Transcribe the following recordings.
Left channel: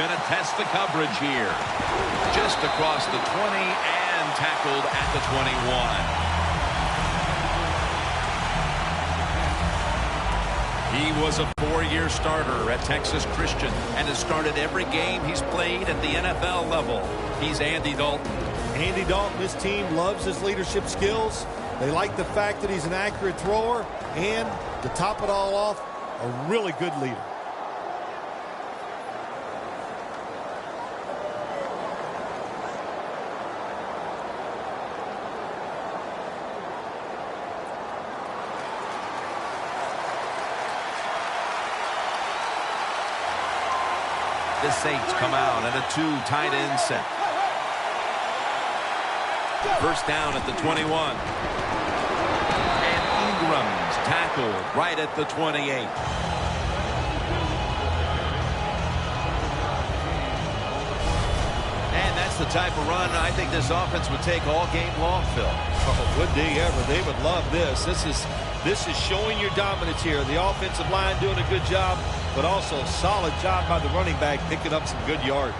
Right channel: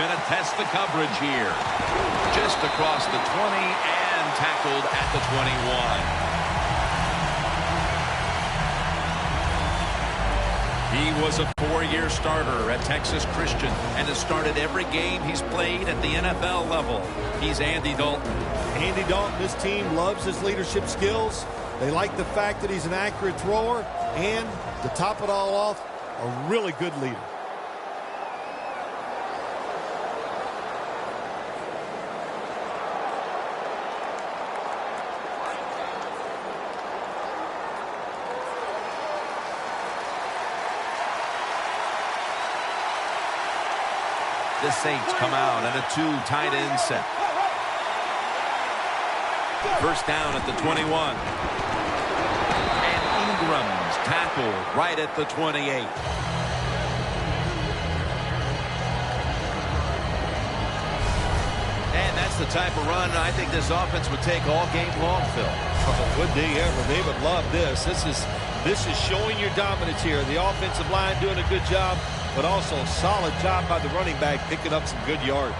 going to test the coverage here. Just across the 20 and tackled at the 21. He was a 4-year starter at Texas Christian and has started every game he's played at the NFL level. He's Andy Dalton. Andy Dalton, this team loves his leadership skills. They like the fact that he's an accurate thrower and, to top it all off, a really good leader. The Saints come out at a 2 tight end set. First down at the 21. And Ingram's tackled right at the 28. And that's the type of run I think this offense would take all game long, Phil. Oh, would they ever? They would love this. This is showing your dominance here. The offensive line doing a good job, but also a solid job by the running back picking up some good yards.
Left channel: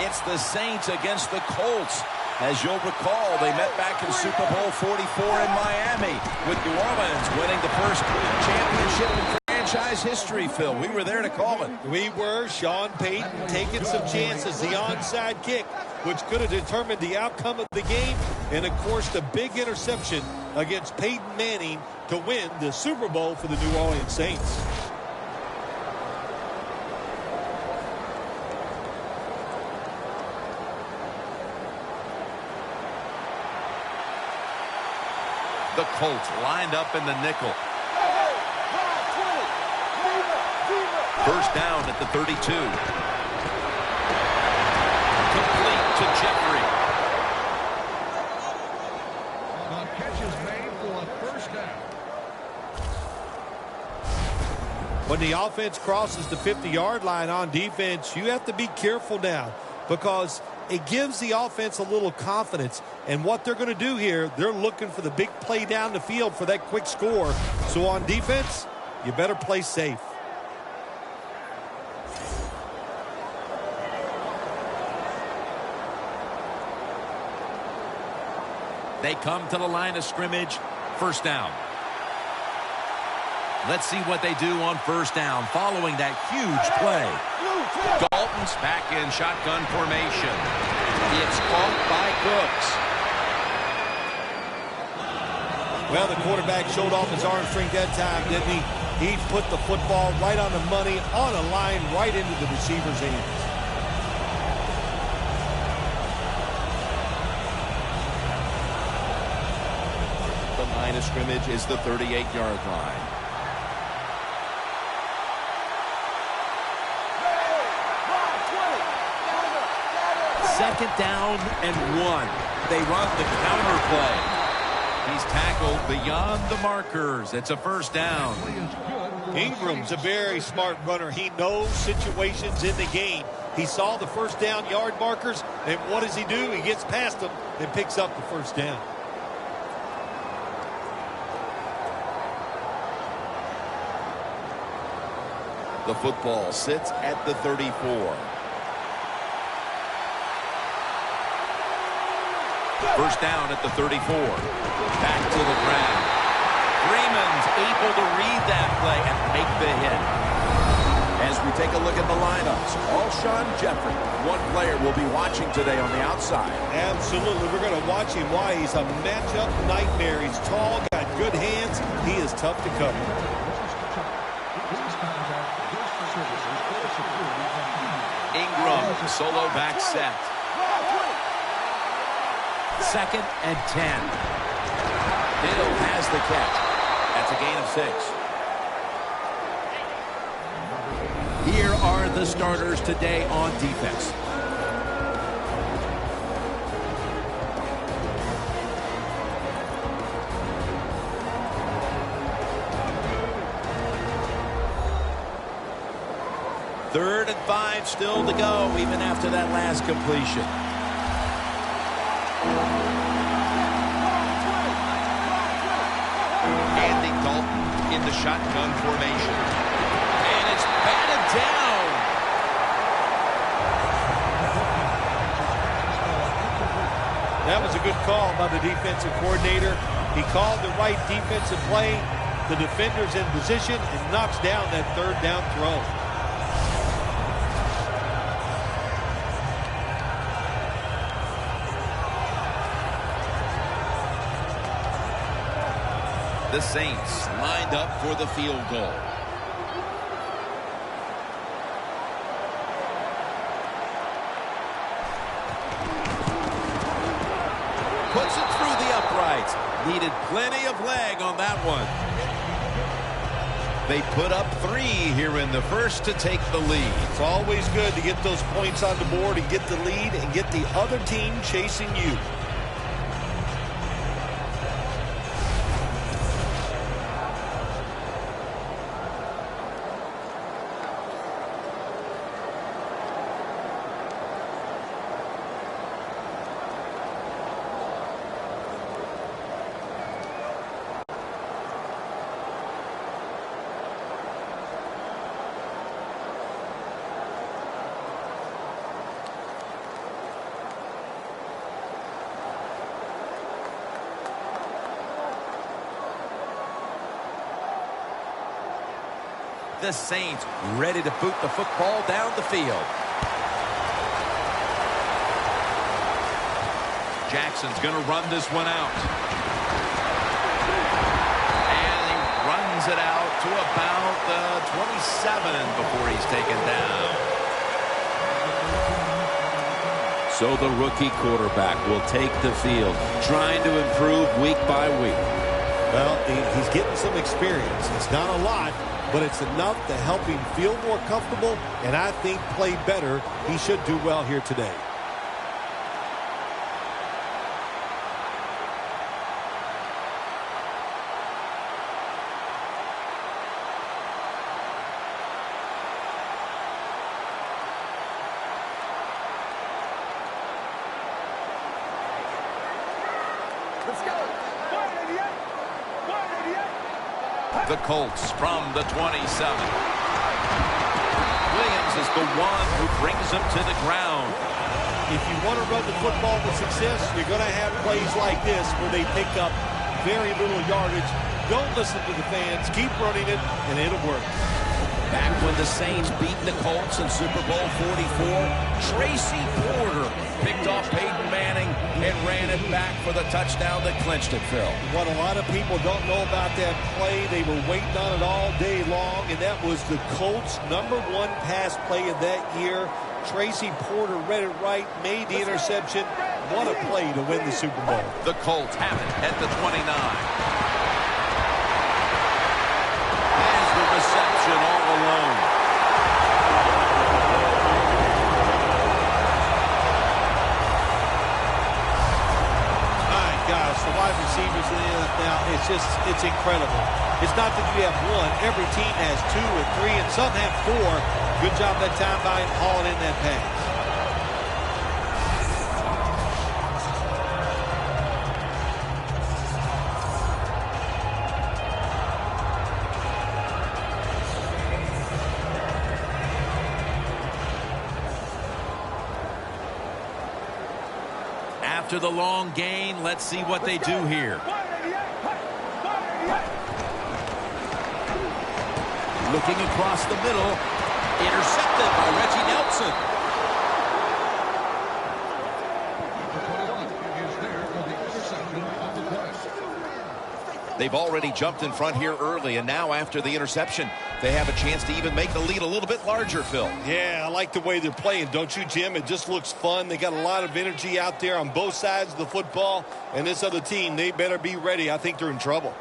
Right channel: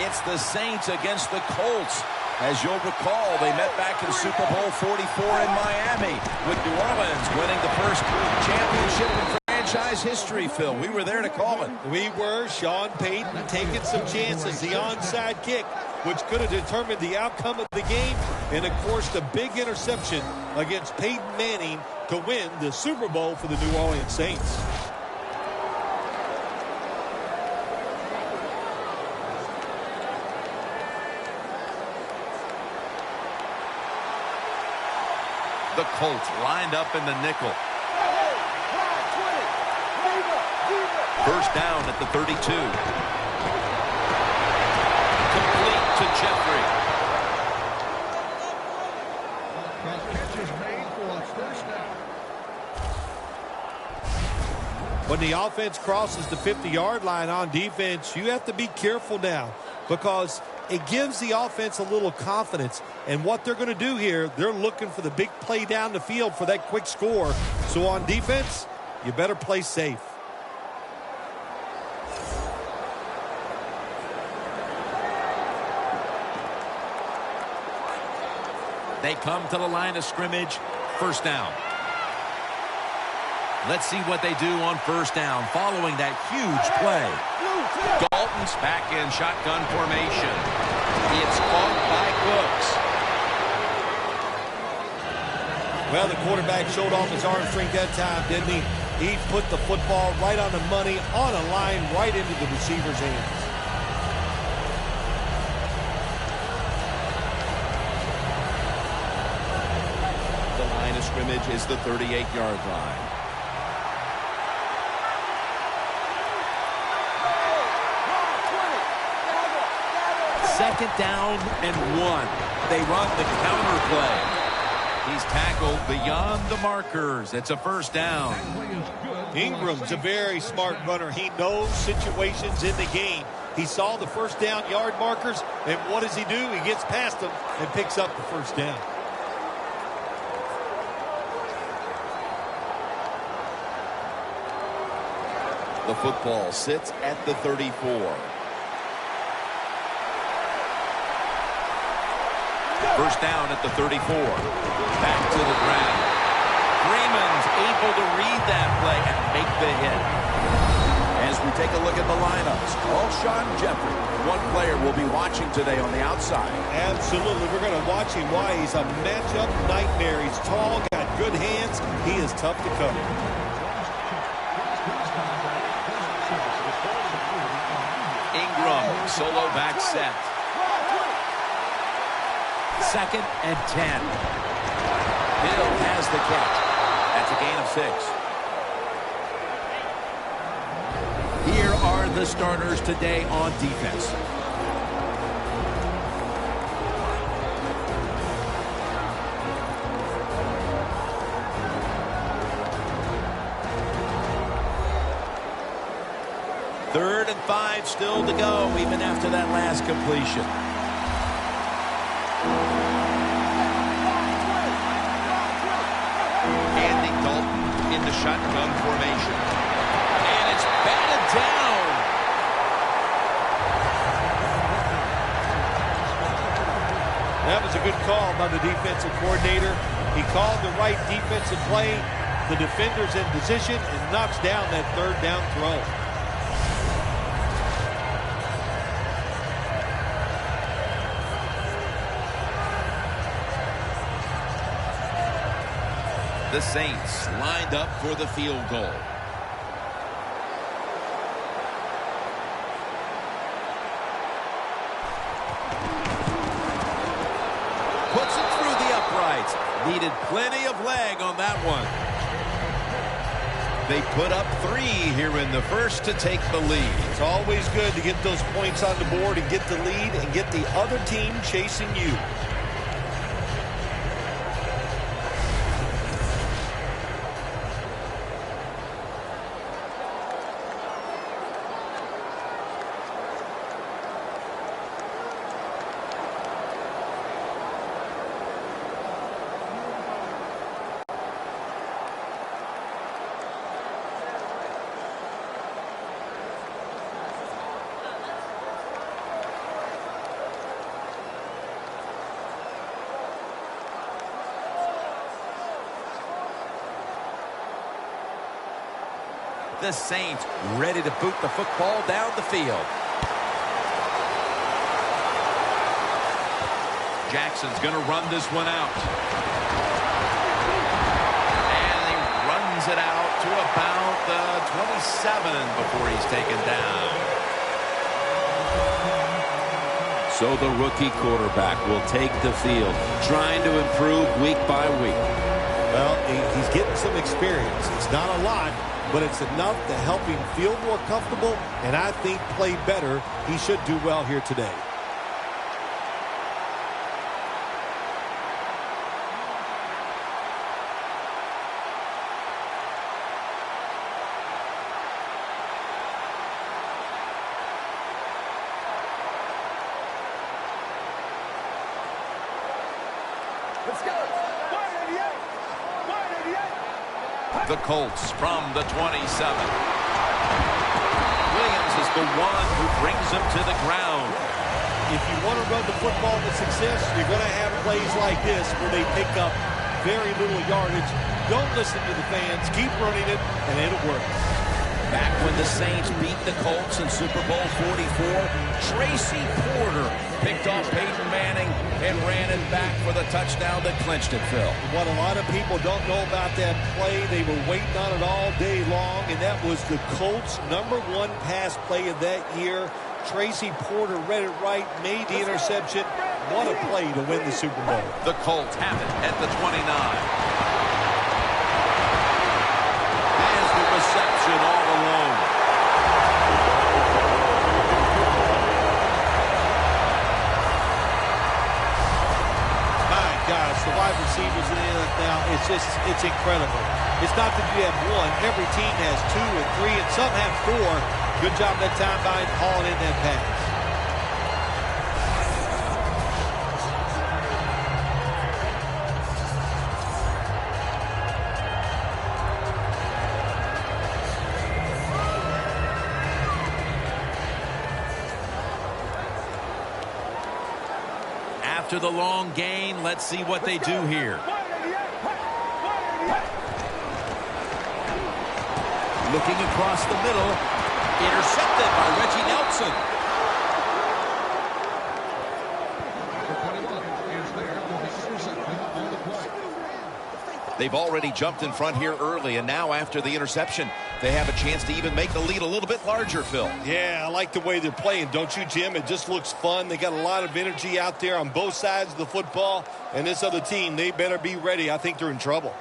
It's the Saints against the Colts. As you'll recall, they met back in Super Bowl 44 in Miami, with New Orleans winning the first championship in franchise history, Phil. We were there to call it. We were. Sean Payton taking some chances. The onside kick, which could have determined the outcome of the game. And, of course, the big interception against Peyton Manning to win the Super Bowl for the New Orleans Saints. The Colts lined up in the nickel. First down at the 32. Complete to Jeffrey. When the offense crosses the 50-yard line on defense, you have to be careful now, because it gives the offense a little confidence. And what they're going to do here, they're looking for the big play down the field for that quick score. So on defense, you better play safe. They come to the line of scrimmage. First down. Let's see what they do on first down following that huge play. Dalton's back in shotgun formation. It's caught by Cooks. Well, the quarterback showed off his arm strength that time, didn't he? He put the football right on the money, on a line, right into the receiver's hands. The line of scrimmage is the 38-yard line. Second down and 1. They run the counter play. He's tackled beyond the markers. It's a first down. Ingram's a very smart runner. He knows situations in the game. He saw the first down yard markers, and what does he do? He gets past them and picks up the first down. The football sits at the 34. First down at the 34. Back to the ground. Freeman's able to read that play and make the hit. As we take a look at the lineups, Alshon Jeffrey, one player we'll be watching today on the outside. Absolutely. We're going to watch him. Why? He's a matchup nightmare. He's tall, got good hands. He is tough to cover. Ingram, solo back set. Second and 10. Hill has the catch. That's a gain of 6. Here are the starters today on defense. Third and 5 still to go, even after that last completion. Andy Dalton in the shotgun formation. And it's batted down. That was a good call by the defensive coordinator. He called the right defensive play. The defender's in position and knocks down that third down throw. The Saints lined up for the field goal. Puts it through the uprights. Needed plenty of leg on that one. They put up 3 here in the first to take the lead. It's always good to get those points on the board and get the lead and get the other team chasing you. The Saints ready to boot the football down the field. Jackson's going to run this one out. And he runs it out to about the 27 before he's taken down. So the rookie quarterback will take the field, trying to improve week by week. Well, he's getting some experience. It's not a lot, but it's enough to help him feel more comfortable and I think play better. He should do well here today. Let's go. 188. 188. The Colts from the 27. Williams is the one who brings them to the ground. If you want to run the football with success, you're going to have plays like this where they pick up very little yardage. Don't listen to the fans. Keep running it, and it'll work. Back when the Saints beat the Colts in Super Bowl 44, Tracy Porter picked off Peyton Manning and ran it back for the touchdown that clinched it, Phil. What a lot of people don't know about that play, they were waiting on it all day long, and that was the Colts' #1 pass play of that year. Tracy Porter read it right, made the interception. What a play to win the Super Bowl. The Colts have it at the 29. Has the reception all alone. My gosh, the wide receivers in the NFL, it's incredible. It's not that you have one. Every team has 2 and 3, and some have 4. Good job that time by hauling in that pass. After the long gain, let's see what they do here. Looking across the middle. Intercepted by Reggie Nelson. They've already jumped in front here early, and now after the interception, they have a chance to even make the lead a little bit larger, Phil. Yeah, I like the way they're playing, don't you, Jim? It just looks fun. They got a lot of energy out there on both sides of the football, and this other team, they better be ready. I think they're in trouble.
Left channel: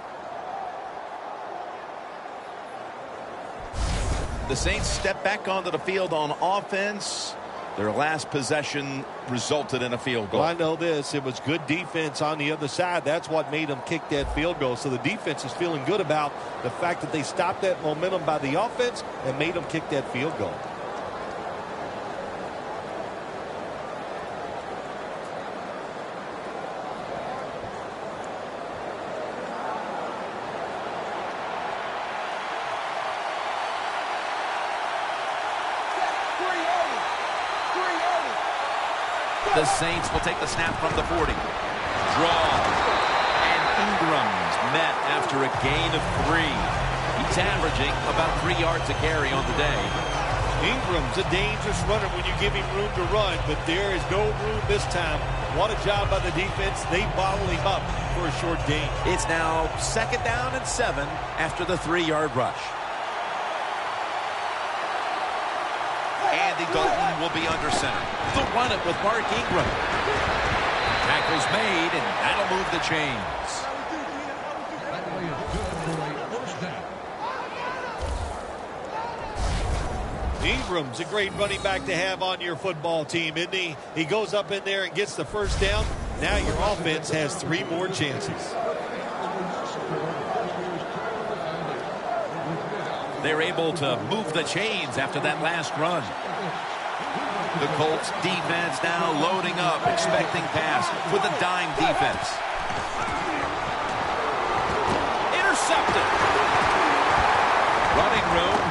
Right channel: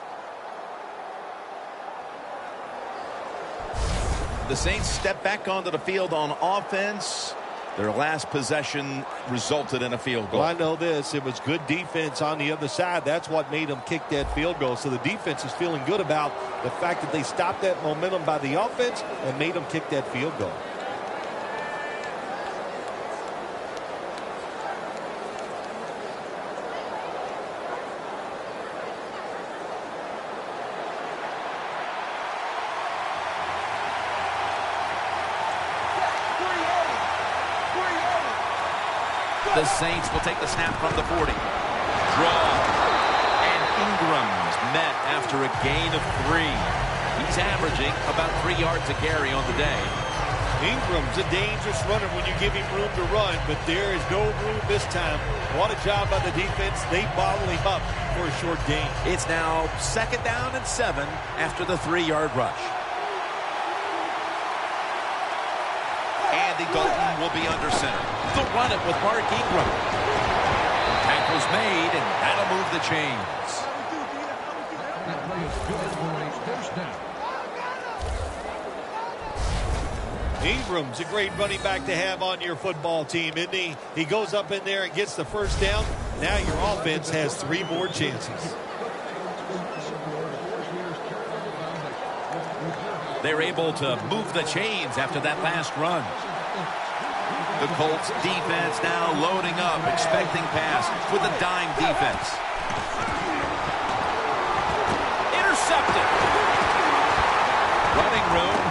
The Saints step back onto the field on offense. Their last possession resulted in a field goal. Well, I know this. It was good defense on the other side. That's what made them kick that field goal. So the defense is feeling good about the fact that they stopped that momentum by the offense and made them kick that field goal. The Saints will take the snap from the 40. Draw. And Ingram's met after a gain of 3. He's averaging about 3 yards a carry on the day. Ingram's a dangerous runner when you give him room to run, but there is no room this time. What a job by the defense. They bottle him up for a short gain. It's now 2nd down and 7 after the 3-yard rush. Andy Dalton will be under center. They'll run it with Mark Ingram. Tackle's made, and that'll move the chains. Ingram's a great running back to have on your football team, isn't he? He goes up in there and gets the first down. Now your offense has 3 more chances. They're able to move the chains after that last run. The Colts defense now loading up, expecting pass with a dime defense. Intercepted. Running room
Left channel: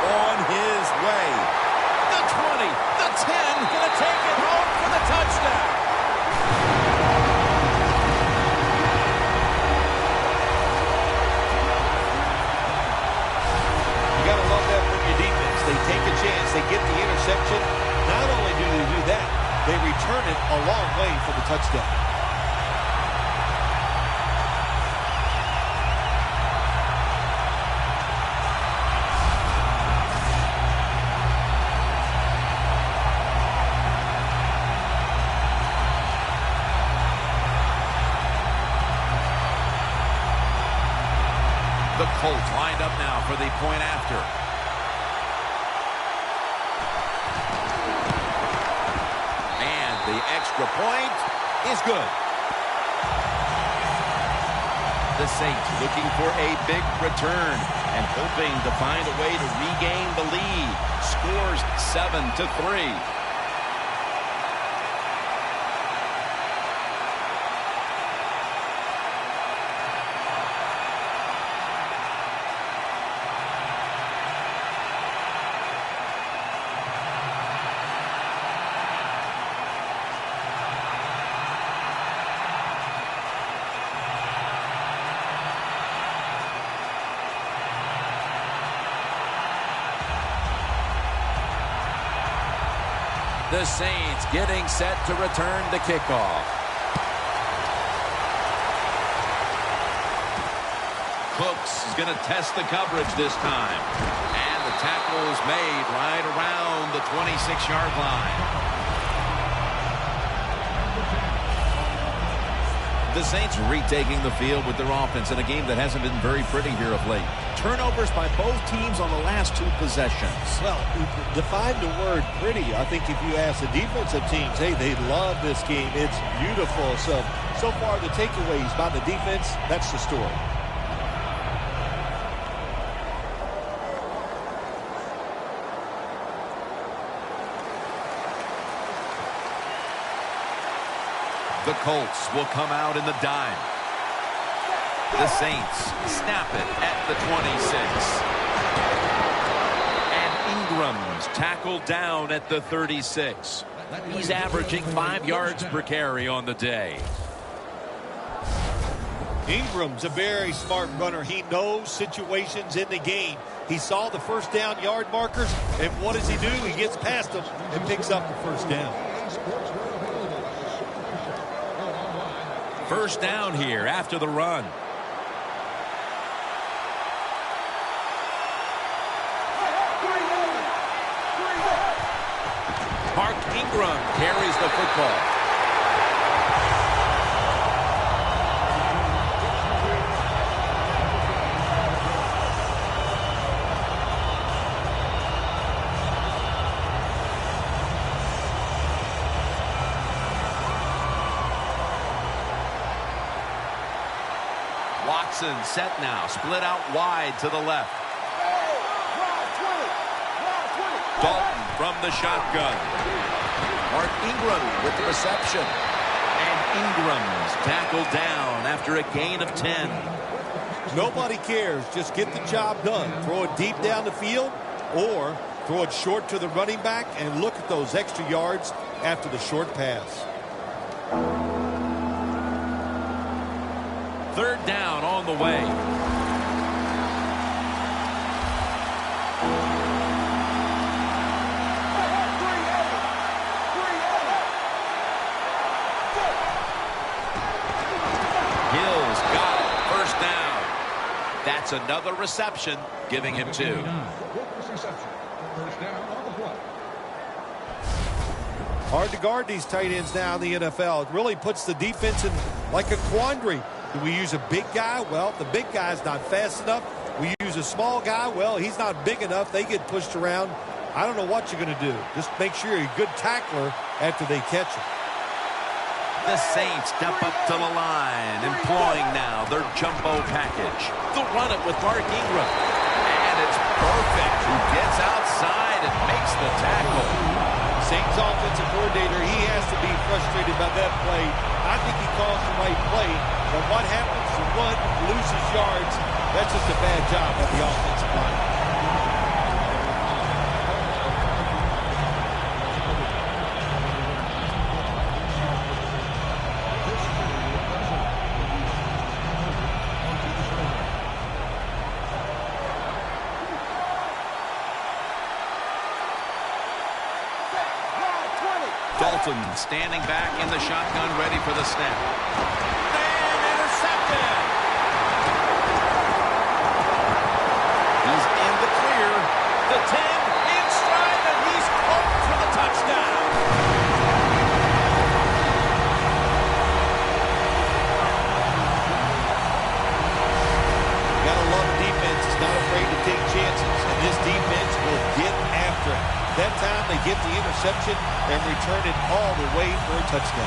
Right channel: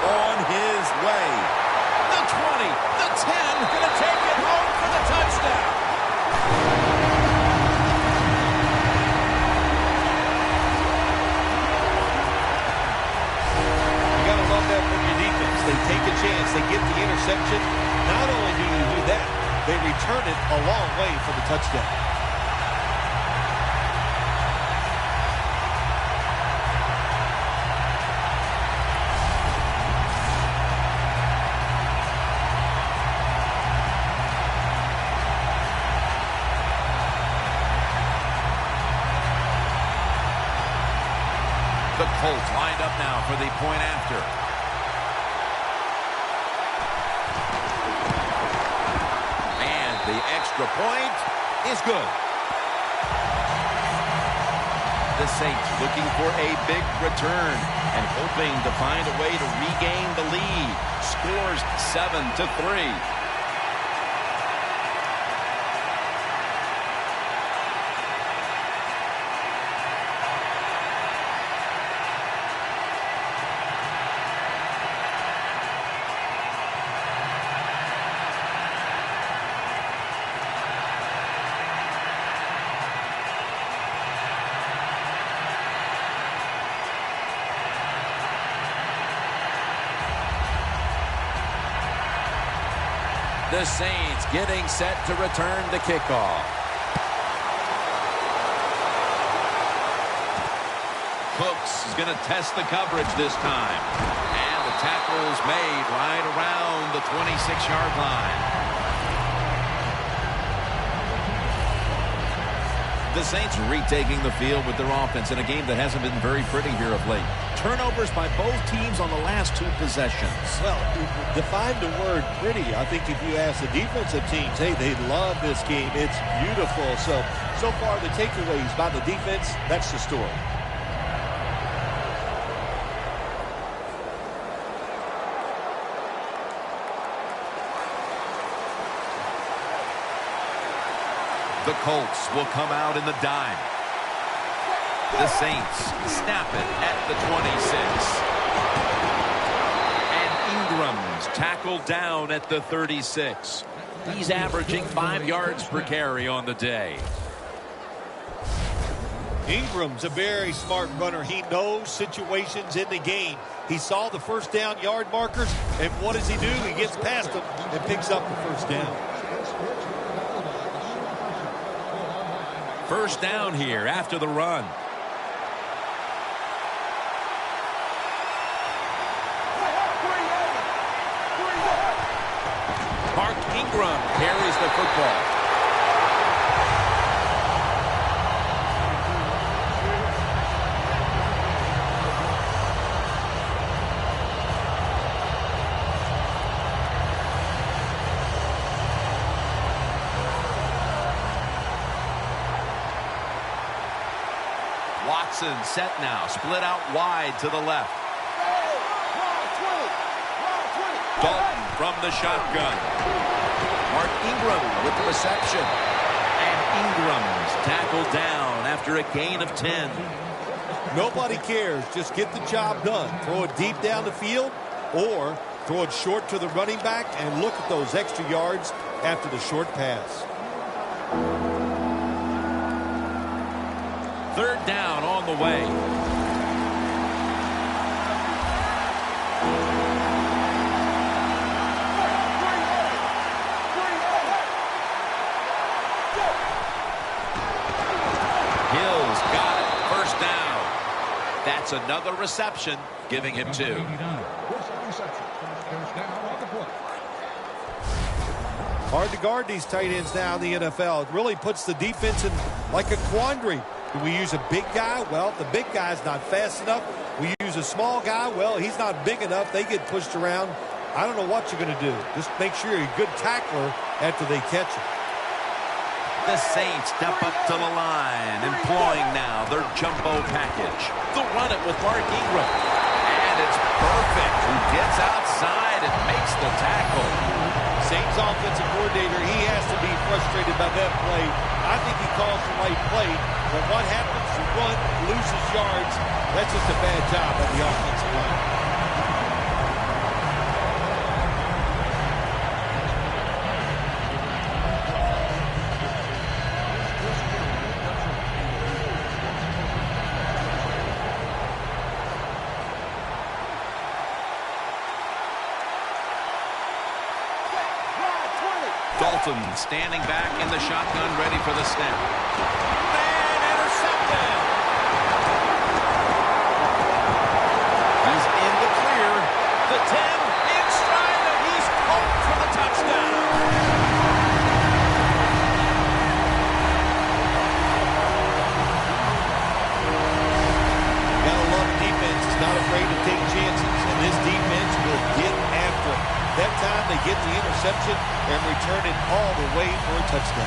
on his way. The 20, the 10, gonna take it home for the touchdown. You gotta love that from your defense. They take a chance, they get the interception. Not only do they do that, they return it a long way for the touchdown. The Colts lined up now for the point after. And the extra point is good. The Saints looking for a big return and hoping to find a way to regain the lead. Scores 7-3. The Saints getting set to return the kickoff. Cooks is going to test the coverage this time. And the tackle is made right around the 26-yard line. The Saints retaking the field with their offense in a game that hasn't been very pretty here of late. Turnovers by both teams on the last 2 possessions. Well, define the word pretty. I think if you ask the defensive teams, hey, they love this game. It's beautiful. So far the takeaways by the defense, that's the story. The Colts will come out in the dime. The Saints snap it at the 26. And Ingram's tackled down at the 36. He's averaging 5 yards per carry on the day. Ingram's a very smart runner. He knows situations in the game. He saw the first down yard markers, and what does he do? He gets past them and picks up the first down. First down here after the run. Mark Ingram carries the football. Watson set now, split out wide to the left. Dalton from the shotgun. Mark Ingram with the reception. And Ingram's tackled down after a gain of 10. Nobody cares. Just get the job done. Throw it deep down the field or throw it short to the running back and look at those extra yards after the short pass. Third down on the way. Hill's got it. First down. That's another reception, giving him 2. Hard to guard these tight ends now in the NFL. It really puts the defense in like a quandary. Do we use a big guy? Well, the big guy's not fast enough. We use a small guy. Well, he's not big enough. They get pushed around. I don't know what you're going to do. Just make sure you're a good tackler after they catch him. The Saints step up to the line, employing now their jumbo package. They'll run it with Mark Ingram. And it's perfect. Who gets outside and makes the tackle. Saints offensive coordinator, he has to be frustrated by that play. I think he calls the right play, but what happens? The run loses yards. That's just a bad job by the offensive line. Dalton standing back in the shotgun, ready for the snap. And intercepted. He's in the clear. The 10 in stride, and he's home for the touchdown. You gotta love a defense. It's not afraid to take chances, and this defense will get after it. That time they get the interception and return it all the way for a touchdown.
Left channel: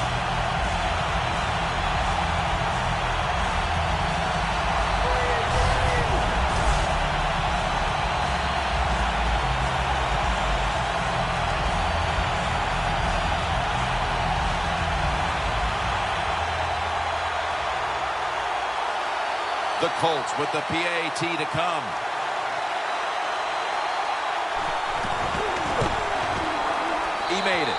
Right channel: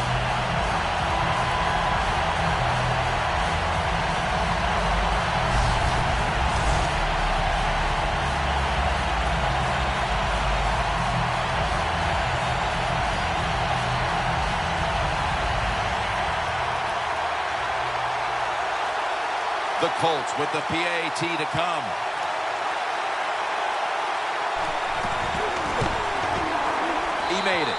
The Colts with the PAT to come. He made it.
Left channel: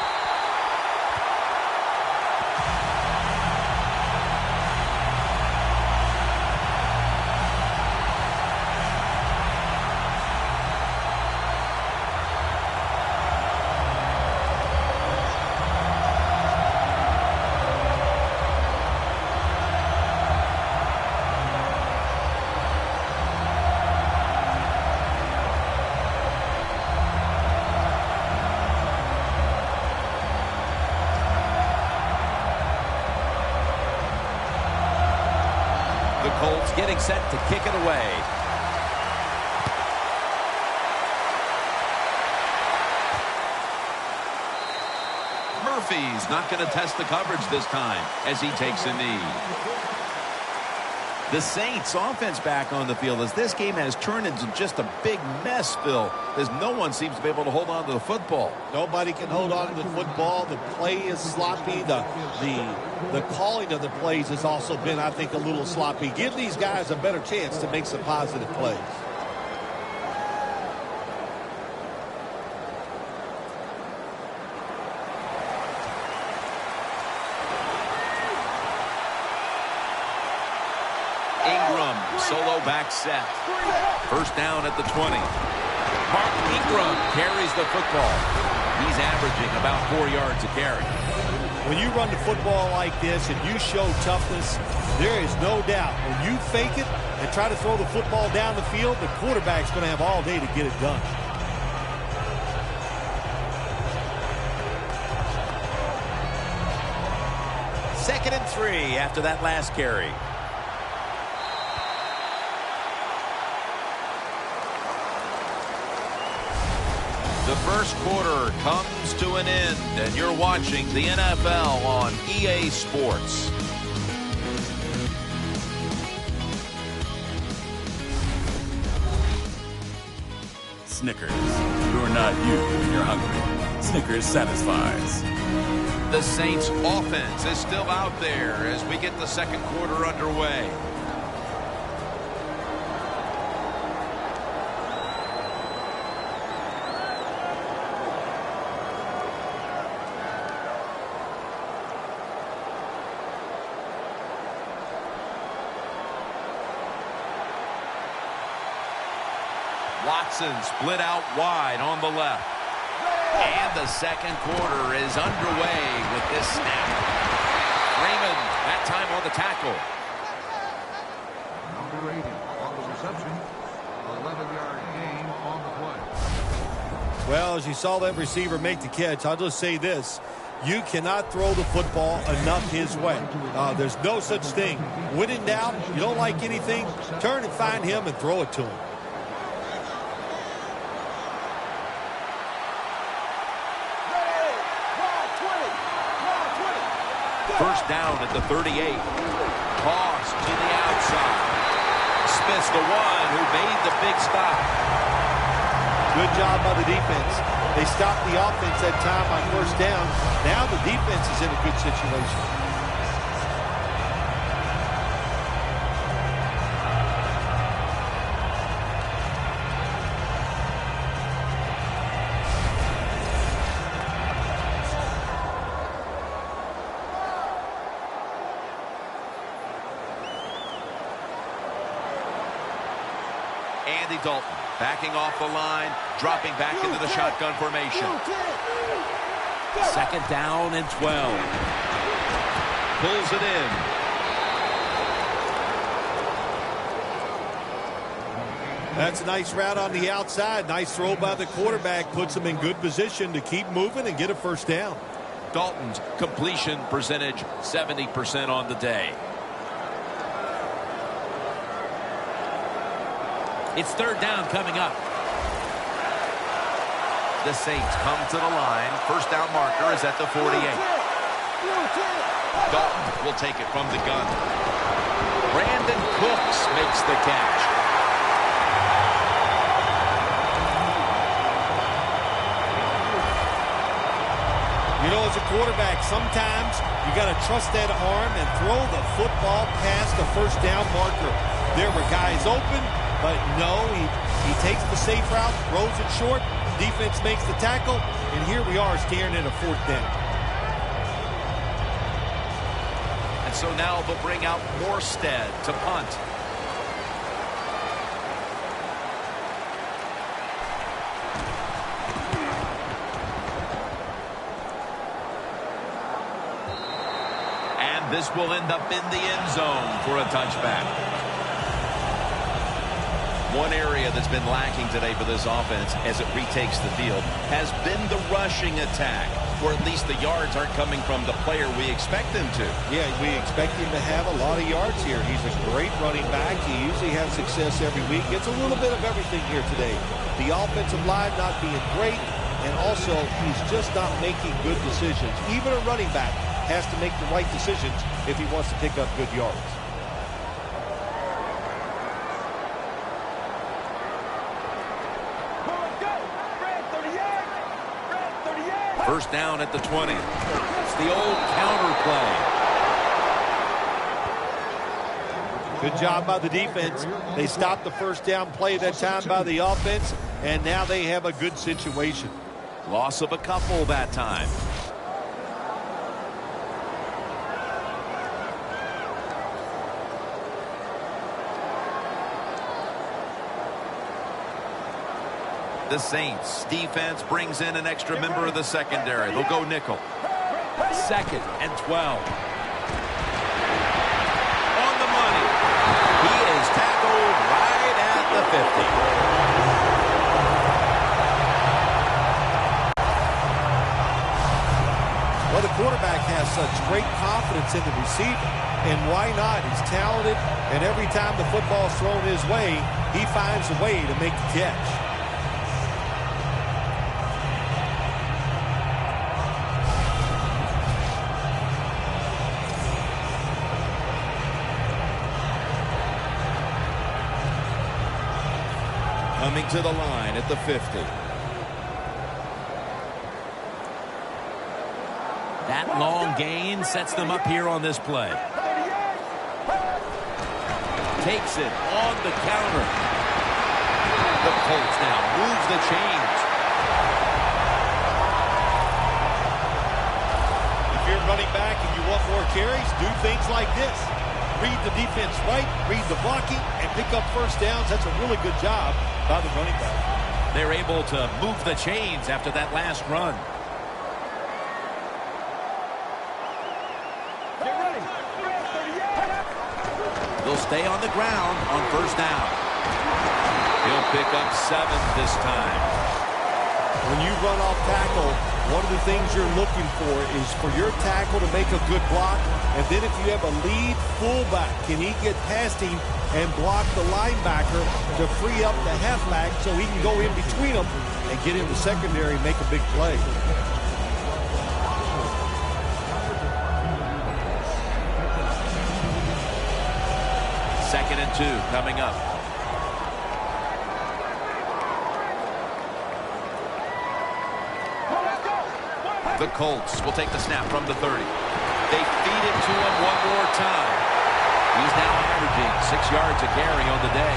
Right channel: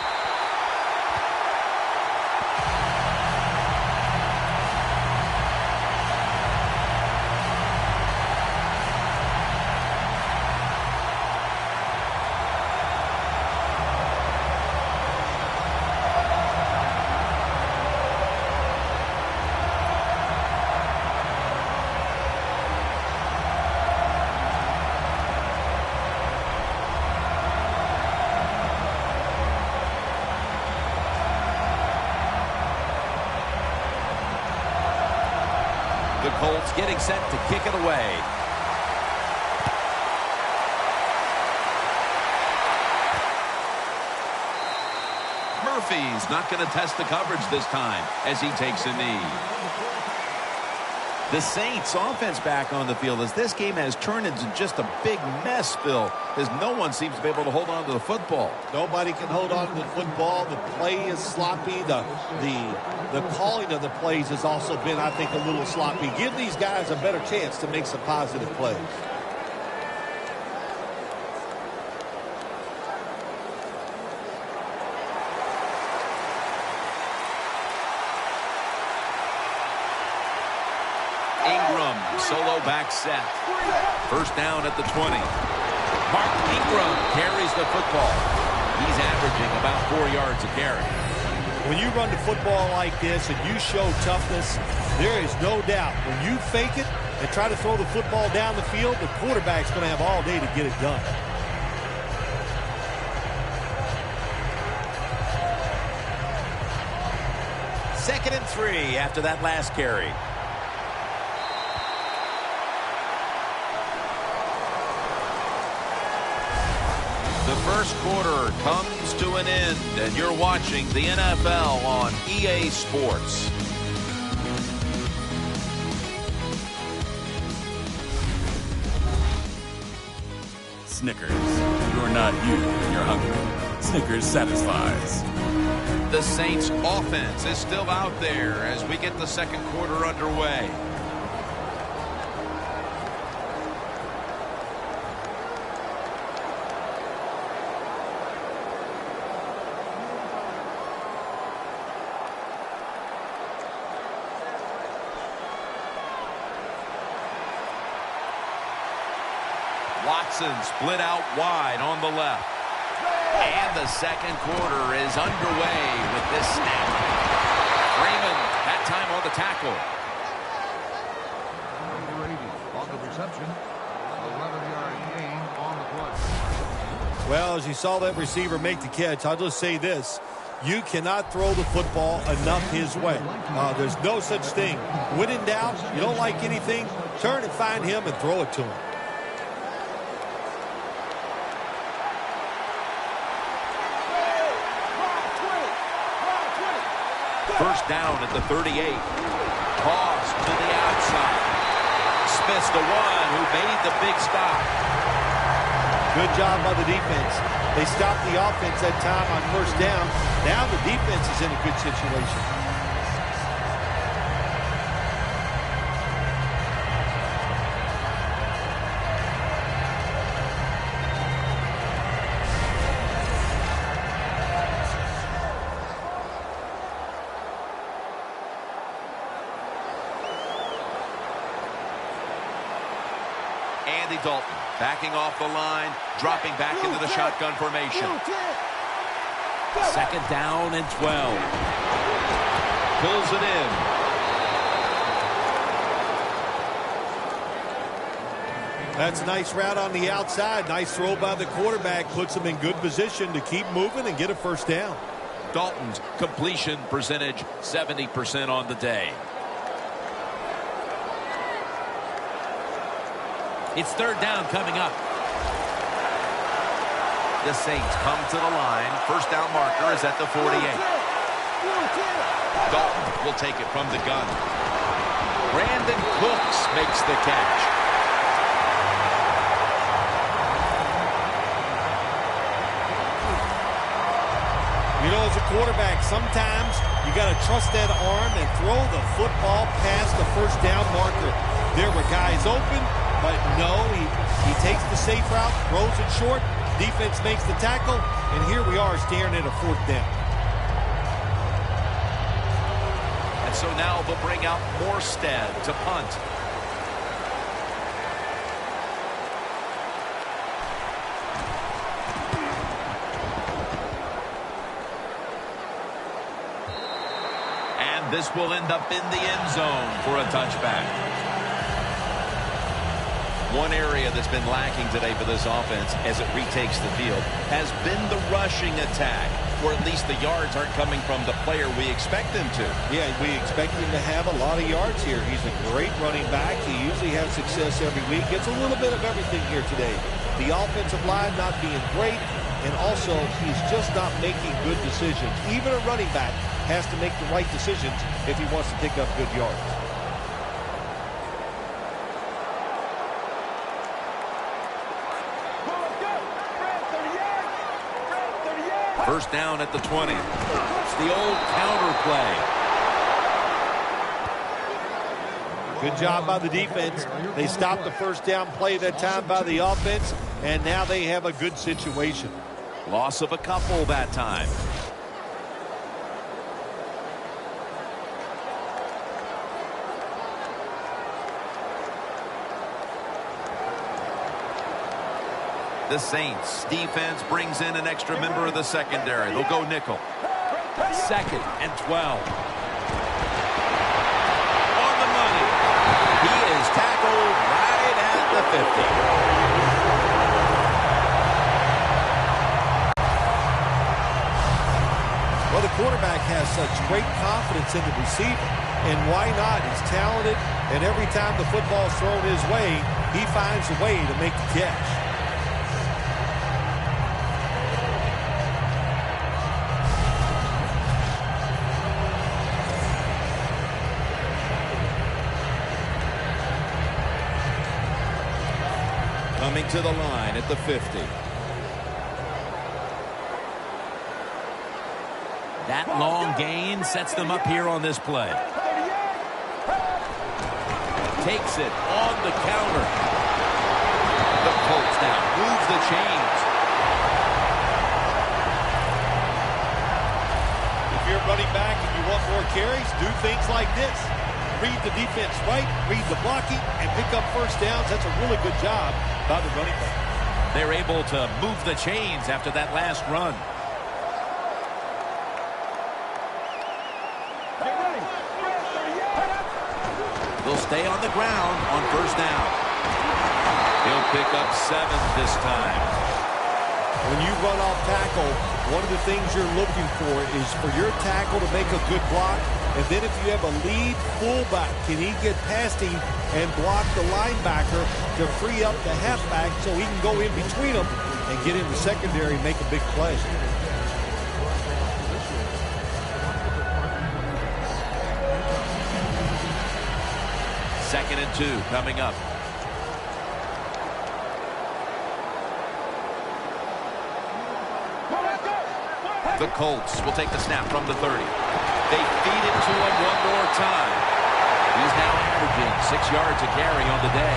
The Colts getting set to kick it away. Murphy's not going to test the coverage this time as he takes a knee. The Saints offense back on the field as this game has turned into just a big mess, Phil, as no one seems to be able to hold on to the football. Nobody can hold on to the football. The play is sloppy. The calling of the plays has also been, I think, a little sloppy. Give these guys a better chance to make some positive plays. Ingram, solo back set. First down at the 20. Mark Ingram carries the football. He's averaging about 4 yards a carry. When you run the football like this and you show toughness, there is no doubt when you fake it and try to throw the football down the field, the quarterback's going to have all day to get it done. Second and 3 after that last carry. The first quarter comes to an end, and you're watching the NFL on EA Sports. Snickers, you're not you when you're hungry. Snickers satisfies. The Saints offense is still out there as we get the second quarter underway. Watson split out wide on the left. And the second quarter is underway with this snap. Freeman, that time on the tackle. Well, as you saw that receiver make the catch, I'll just say this. You cannot throw the football enough his way. There's no such thing. When in doubt, you don't like anything, turn and find him and throw it to him. First down at the 38. Toss to the outside. Smith's the one who made the big stop. Good job by the defense. They stopped the offense that time on first down. Now the defense is in a good situation. Andy Dalton backing off the line, dropping back into the shotgun formation. Second down and 12. Pulls it in. That's a nice route on the outside. Nice throw by the quarterback. Puts him in good position to keep moving and get a first down. Dalton's completion percentage, 70% on the day. It's third down coming up. The Saints come to the line. First down marker is at the 48. Dalton will take it from the gun. Brandon Cooks makes the catch. You know, as a quarterback, sometimes you got to trust that arm and throw the football past the first down marker. There were guys open. But no, he takes the safe route, throws it short, defense makes the tackle, and here we are staring at a fourth down. And so now they'll bring out Morstead to punt. And this will end up in the end zone for a touchback. One area that's been lacking today for this offense as it retakes the field has been the rushing attack, or at least the yards aren't coming from the player we expect them to. Yeah, we expect him to have a lot of yards here. He's a great running back. He usually has success every week. Gets a little bit of everything here today. The offensive line not being great, and also he's just not making good decisions. Even a running back has to make the right decisions if he wants to pick up good yards. First down at the 20. It's the old counter play. Good job by the defense. They stopped the first down play that time by the offense, and now they have a good situation. Loss of a couple that time. The Saints defense brings in an extra member of the secondary. They'll go nickel. Second and 12. On the money. He is tackled right at the 50. Well, the quarterback has such great confidence in the receiver. And why not? He's talented, and every time the football's thrown his way, he finds a way to make the catch. Coming to the line at the 50. That long gain sets them up here on this play. Takes it on the counter. The Colts now moves the chains. If you're running back and you want more carries, do things like this. Read the defense right, read the blocking, and pick up first downs. That's a really good job by the running back. They're able to move the chains after that last run. Get ready. They'll stay on the ground on first down. He'll pick up 7 this time. When you run off tackle, one of the things you're looking for is for your tackle to make a good block. And then if you have a lead fullback, can he get past him and block the linebacker to free up the halfback so he can go in between them and get in the secondary and make a big play. Second and 2 coming up. The Colts will take the snap from the 30. They feed it to him one more time. He's now averaging 6 yards a carry on the day.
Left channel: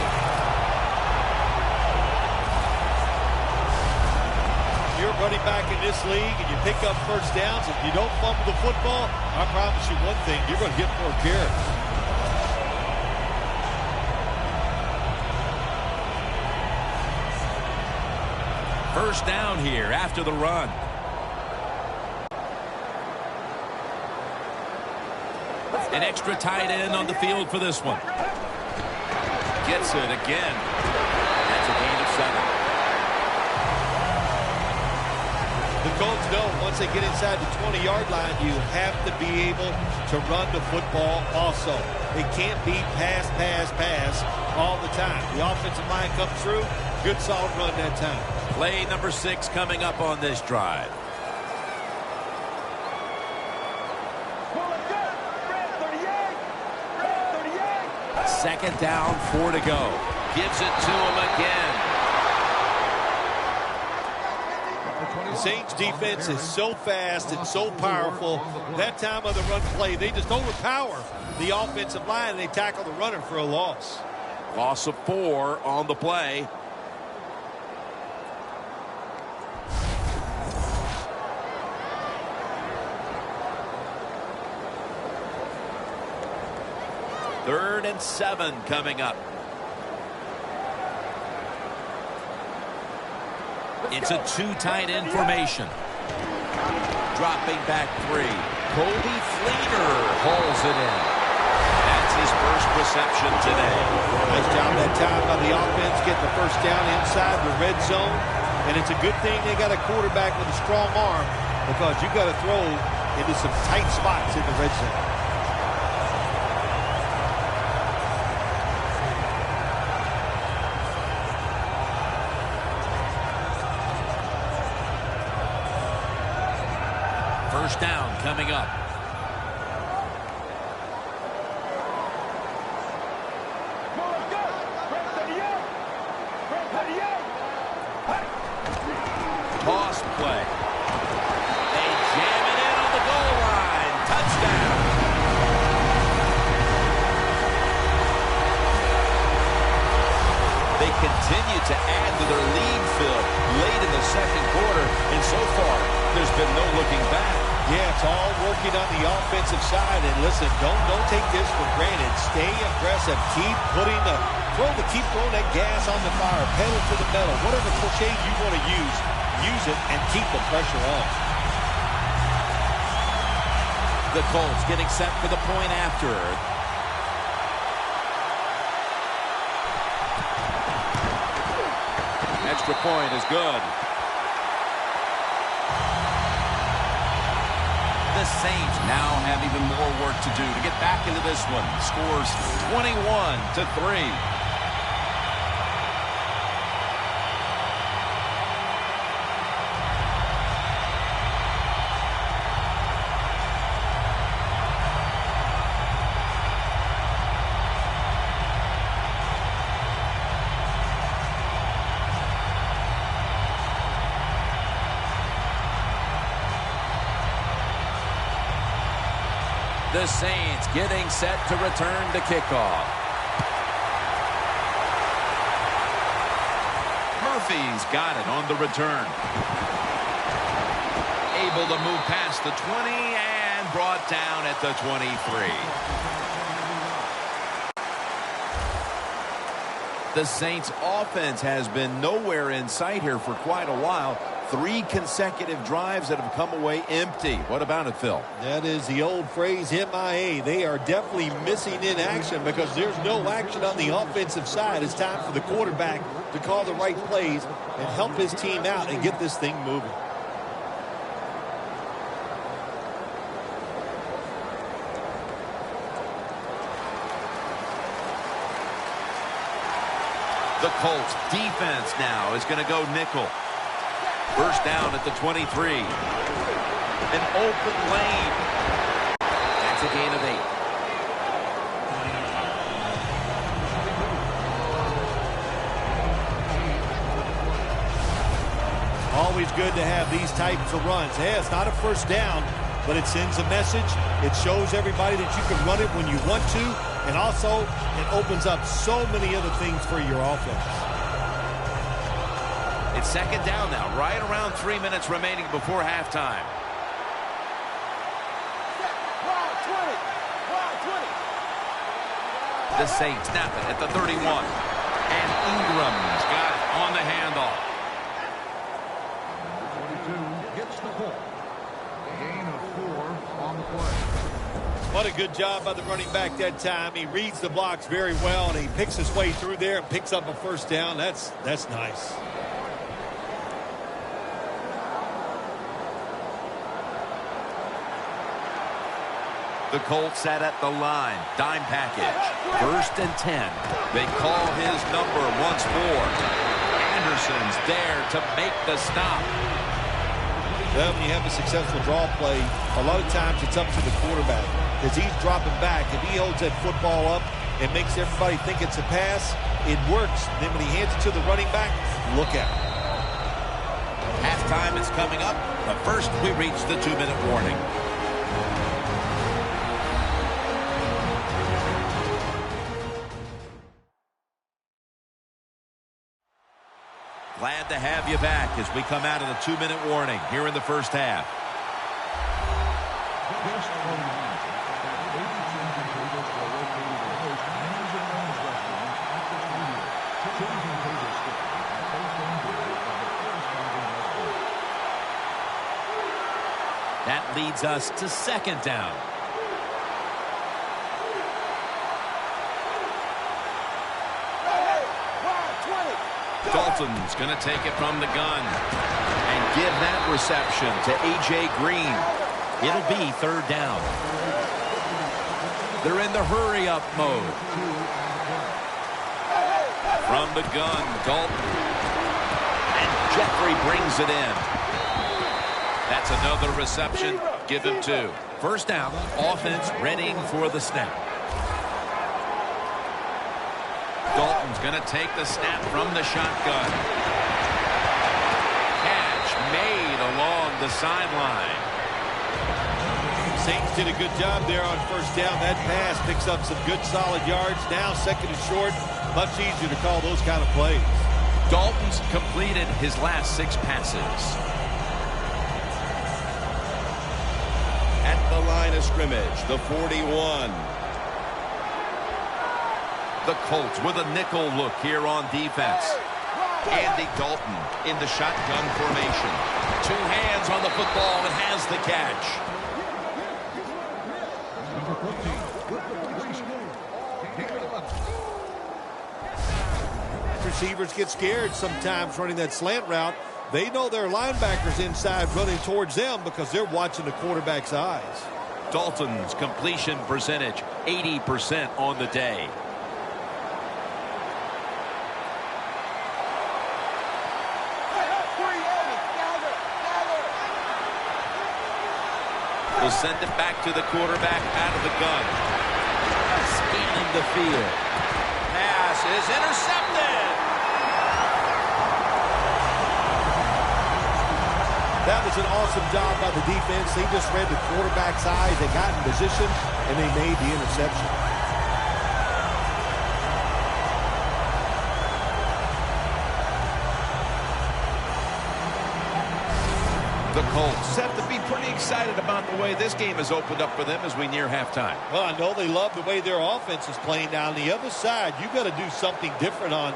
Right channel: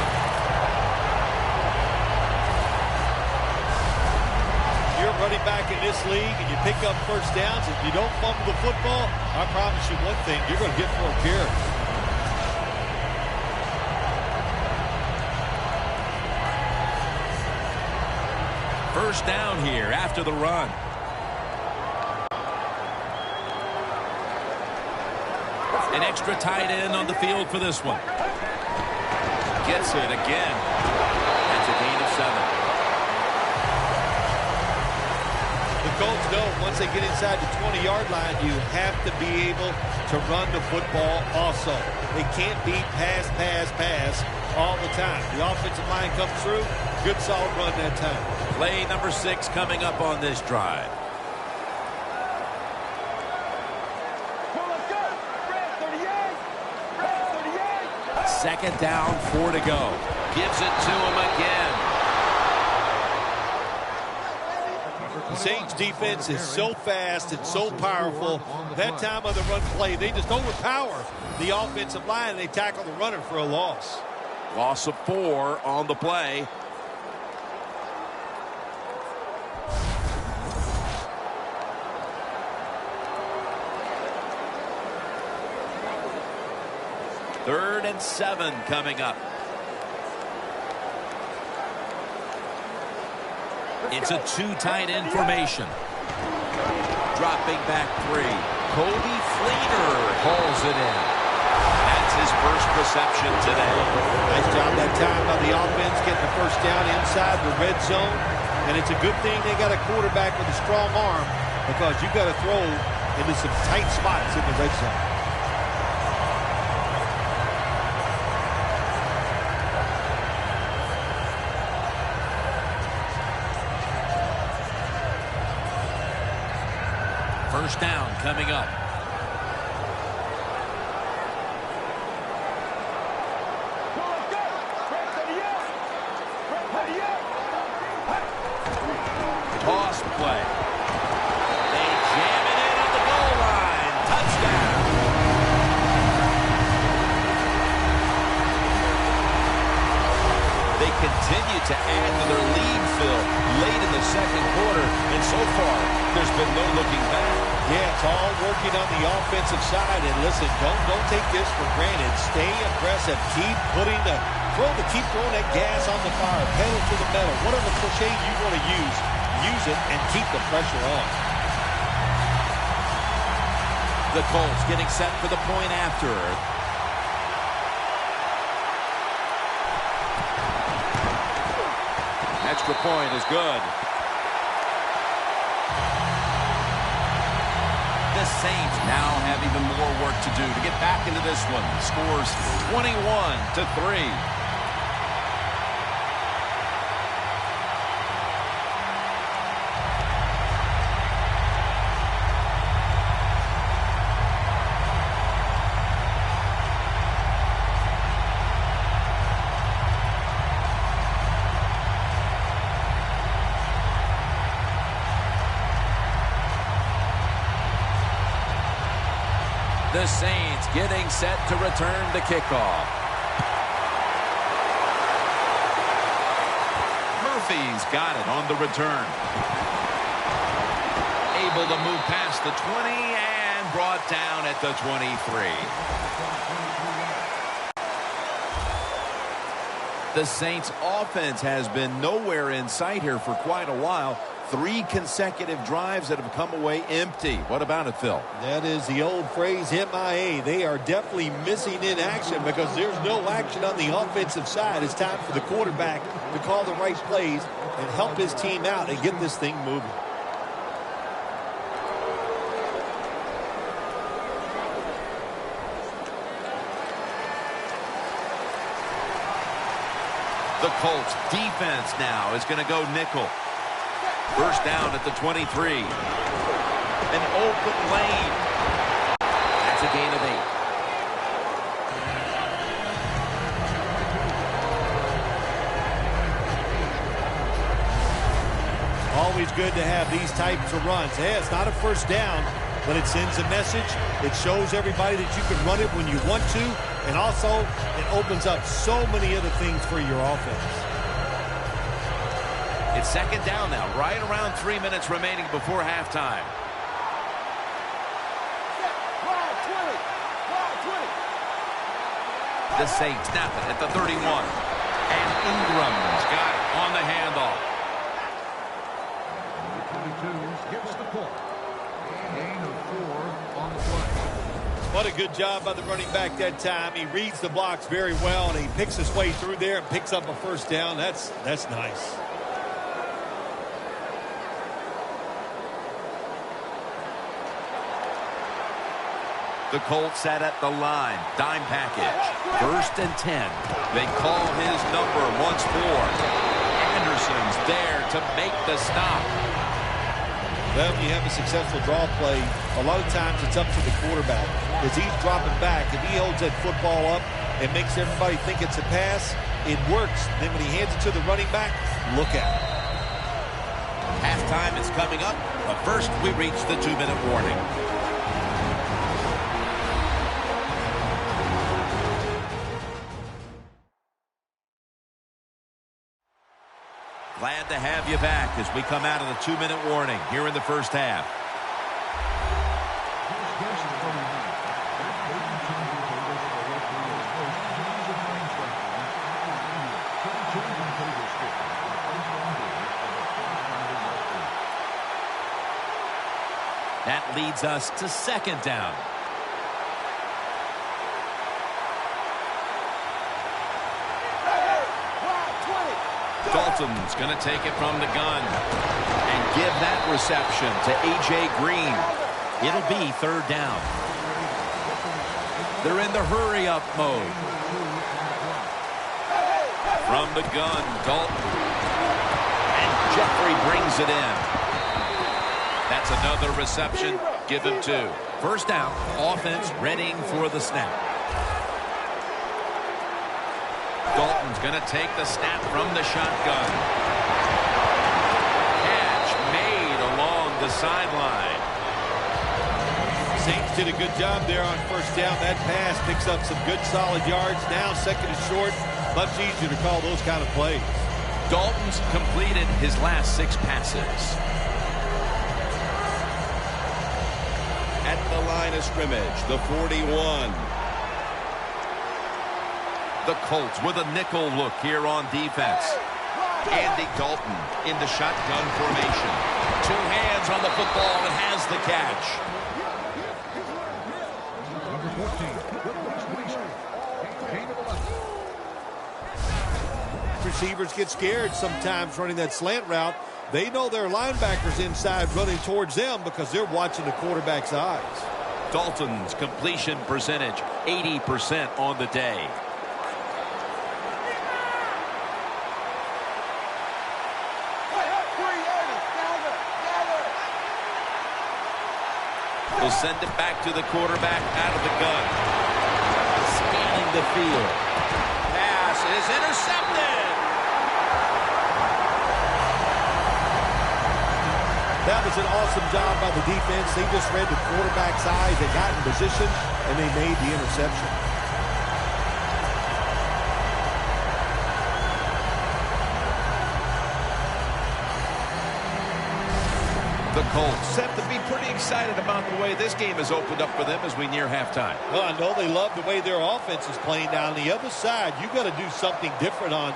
You're running back in this league and you pick up first downs. If you don't fumble the football, I promise you one thing, you're going to get more carries. First down here after the run. An extra tight end on the field for this one. Gets it again. That's a gain of 7. The Colts know once they get inside the 20-yard line, you have to be able to run the football also. They can't be pass, pass, pass all the time. The offensive line comes through. Good, solid run that time. Play number 6 coming up on this drive. Second down, 4 to go. Gives it to him again. The Saints defense is so fast and so powerful. That time of the run play, they just overpower the offensive line and they tackle the runner for a loss. Loss of 4 on the play. Third and 7 coming up. It's a 2 tight end formation. Dropping back 3. Kobe Fleener hauls it in. That's his first reception today. Nice job that time by the offense getting the first down inside the red zone. And it's a good thing they got a quarterback with a strong arm because you got to throw into some tight spots in the red zone. First down coming up. Well, let's go. Red 38. Red 38. Toss play. They jam it in on the goal line. Touchdown. They continue to add to their lead, Phil, late in the second quarter, and so far, there's been no looking back. Yeah, it's all working on the offensive side. And listen, don't take this for granted. Stay aggressive. Keep throwing that gas on the fire. Pedal to the metal. Whatever cliche you want to use it and keep the pressure on. The Colts getting set for the point after. Extra point is good. The Saints now have even more work to do to get back into this one. Scores 21-3. The Saints getting set to return the kickoff. Murphy's got it on the return. Able to move past the 20 and brought down at the 23. The Saints offense has been nowhere in sight here for quite a while. 3 consecutive drives that have come away empty. What about it, Phil? That is the old phrase, MIA. They are definitely missing in action because there's no action on the offensive side. It's time for the quarterback to call the right plays and help his team out and get this thing moving. The Colts defense now is going to go nickel. First down at the 23. An open lane. That's a gain of 8. Always good to have these types of runs. Hey, it's not a first down, but it sends a message. It shows everybody that you can run it when you want to. And also, it opens up so many other things for your offense. It's second down now, right around 3 minutes remaining before halftime. The Saints snap it at the 31. And Ingram's got it on the handoff. What a good job by the running back that time. He reads the blocks very well, and he picks his way through there and picks up a first down. That's nice. The Colts sat at the line. Dime package. First and 10. They call his number once more. Anderson's there to make the stop. Well, when you have a successful draw play, a lot of times it's up to the quarterback. As he's dropping back, if he holds that football up and makes everybody think it's a pass, it works. Then when he hands it to the running back, look out. Halftime is coming up, but first we reach the 2-minute warning. Glad to have you back as we come out of the 2-minute warning here in the first half. That leads us to second down. Dalton's going to take it from the gun and give that reception to A.J. Green. It'll be third down. They're in the hurry-up mode. From the gun, Dalton. And Jeffrey brings it in. That's another reception. Give him 2. First down, offense readying for the snap. Dalton's going to take the snap from the shotgun. Catch made along the sideline. Saints did a good job there on first down. That pass picks up some good solid yards. Now second and short. Much easier to call those kind of plays. Dalton's completed his last 6 passes. At the line of scrimmage, the 41. The Colts with a nickel look here on defense. Andy Dalton in the shotgun formation. 2 hands on the football and has the catch. Receivers get scared sometimes running that slant route. They know their linebackers inside running towards them because they're watching the quarterback's eyes. Dalton's completion percentage, 80% on the day. We'll send it back to the quarterback out of the gun. Scanning the field. Pass is intercepted. That was an awesome job by the defense. They just read the quarterback's eyes. They got in position, and they made the interception. The Colts have to be pretty excited about the way this game has opened up for them as we near halftime. Well, I know they love the way their offense is playing. Now, on the other side, you got to do something different on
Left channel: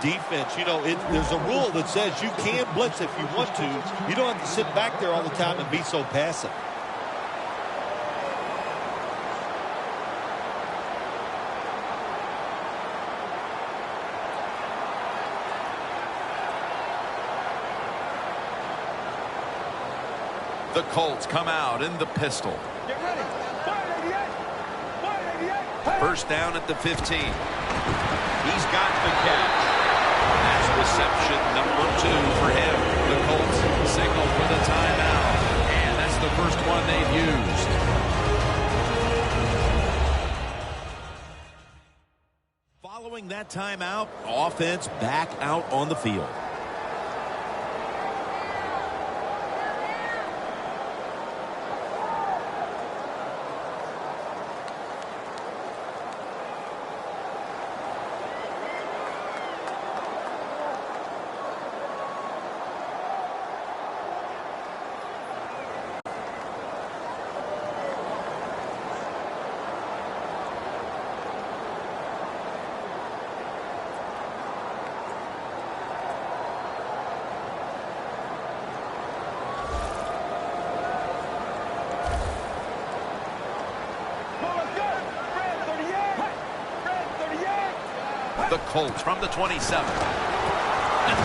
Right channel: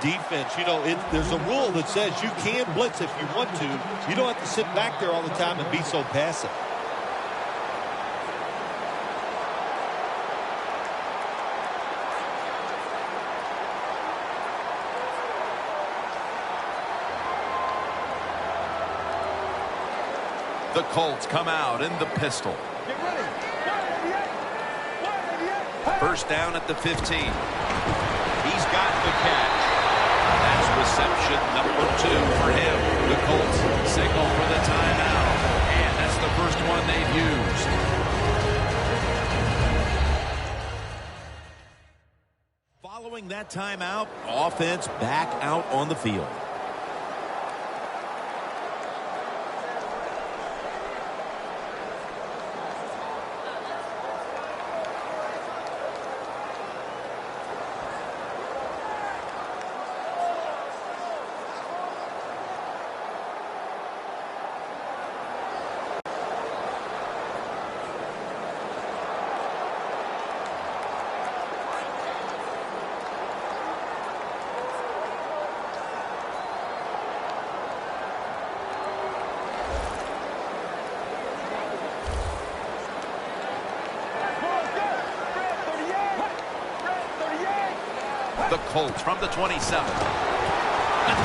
defense. You know, there's a rule that says you can blitz if you want to. You don't have to sit back there all the time and be so passive. The Colts come out in the pistol. Get ready. 188. First down at the 15. He's got the catch. That's reception number 2 for him. The Colts signal for the timeout. And that's the first one they've used. Following that timeout, offense back out on the field. The Colts from the 27. A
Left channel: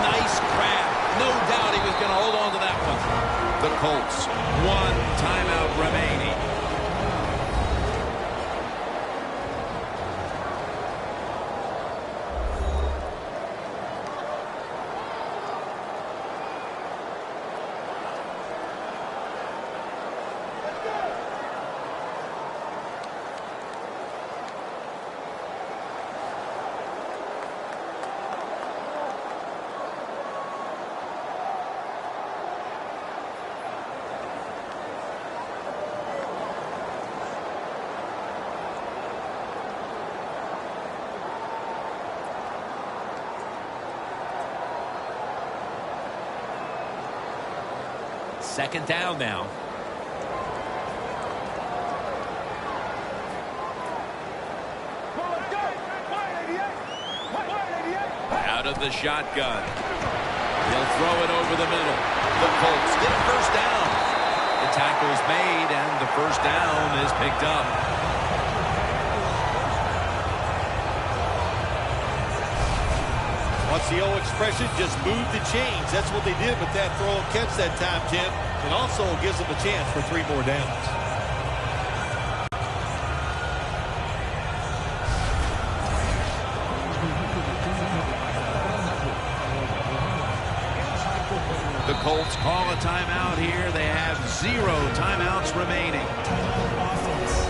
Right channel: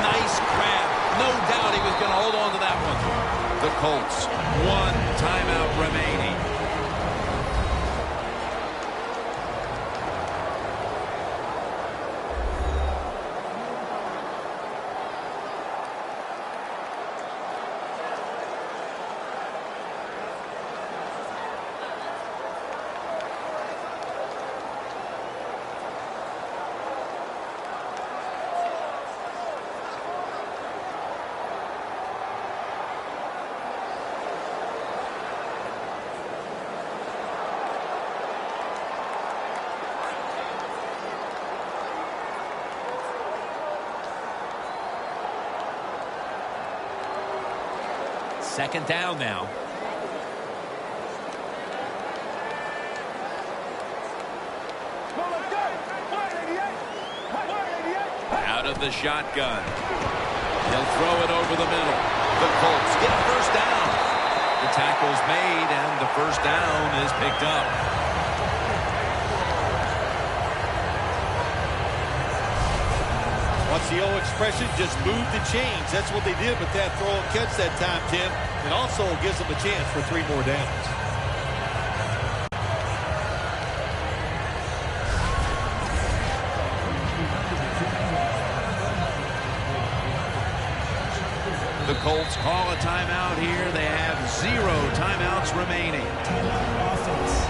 nice grab. No doubt he was going to hold on to that one. The Colts, 1 timeout remaining. Second down now. Out of the shotgun. He'll throw it over the middle. The Colts get a first down. The tackle's made, and the first down is picked up. What's the old expression? Just move the chains. That's what they did with that throw and catch that time, Tim. It also gives them a chance for 3 more downs. The Colts call a timeout here. They have 0 timeouts remaining. Timeout offense.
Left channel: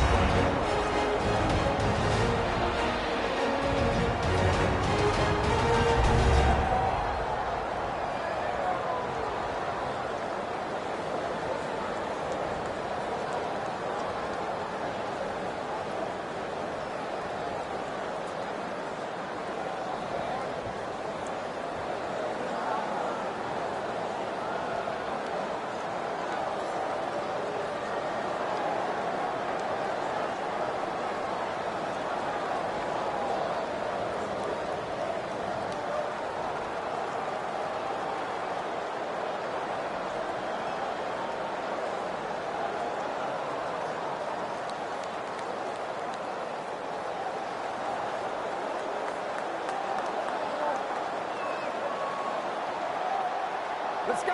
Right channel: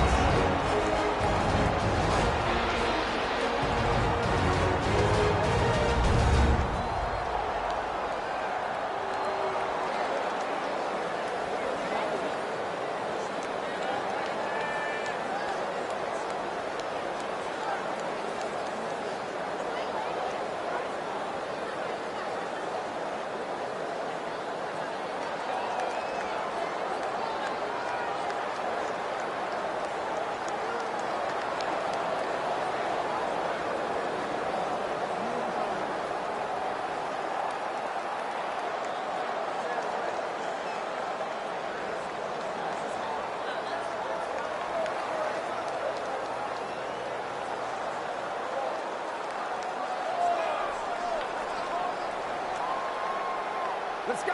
Let's go.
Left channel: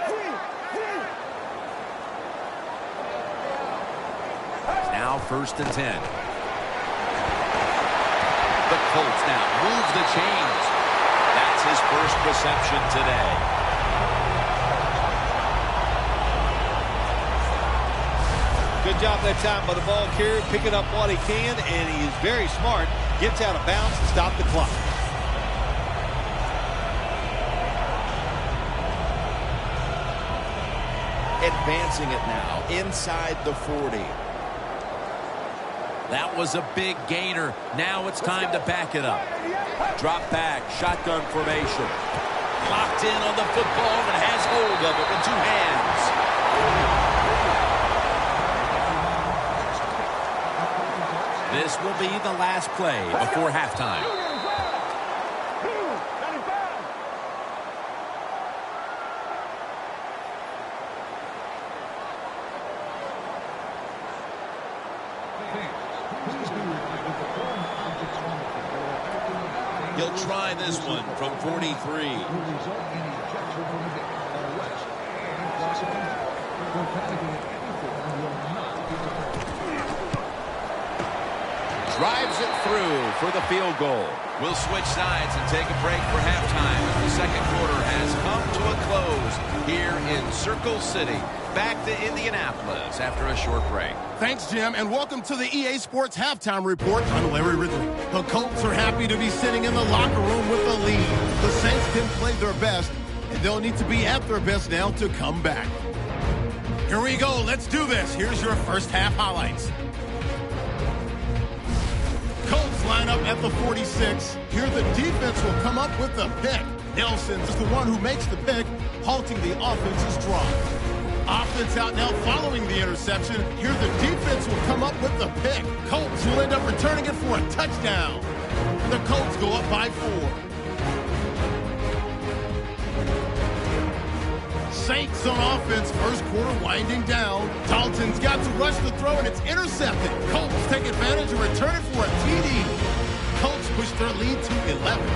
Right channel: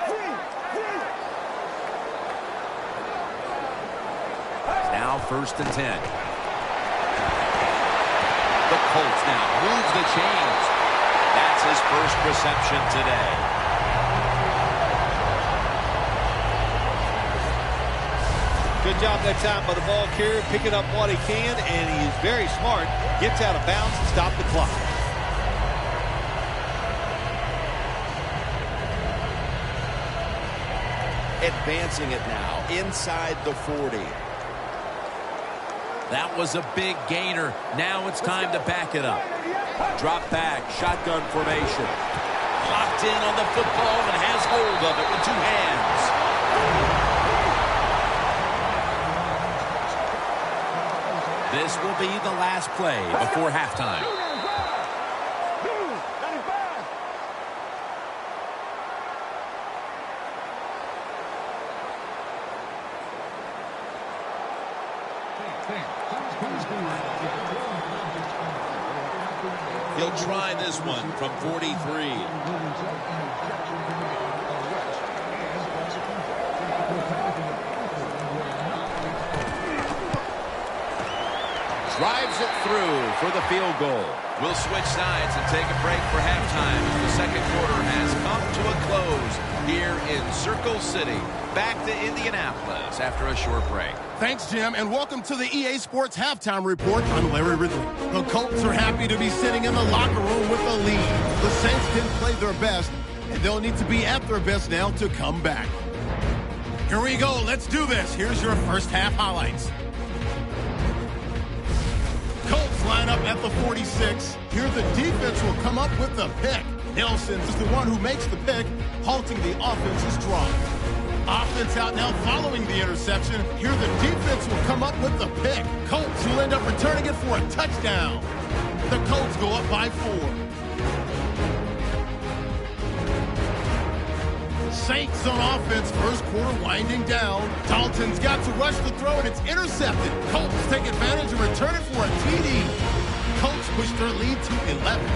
Now first and 10. The Colts now move the chains. That's his first reception today. Good job that time by the ball carrier, picking up what he can, and he is very smart. Gets out of bounds to stop the clock. Advancing it now inside the 40. That was a big gainer. Now it's time to back it up. Drop back, shotgun formation. Locked in on the football and has hold of it with 2 hands. This will be the last play before halftime. He'll try this one from 43. Drives it through for the field goal. We'll switch sides and take a break for halftime as the second quarter has come to a close here in Circle City. Back to Indianapolis after a short break. Thanks, Jim, and welcome to the EA Sports Halftime Report. I'm Larry Ridley. The Colts are happy to be sitting in the locker room with a lead. The Saints didn't play their best, and they'll need to be at their best now to come back. Here we go. Let's do this. Here's your first half highlights. Colts line up at the 46. Here the defense will come up with the pick. Nelson is the one who makes the pick, halting the offense's drive. Offense out now following the interception. Here the defense will come up with the pick. Colts will end up returning it for a touchdown. The Colts go up by 4. Saints on offense, first quarter winding down. Dalton's got to rush the throw, and it's intercepted. Colts take advantage and return it for a TD. Colts push their lead to 11.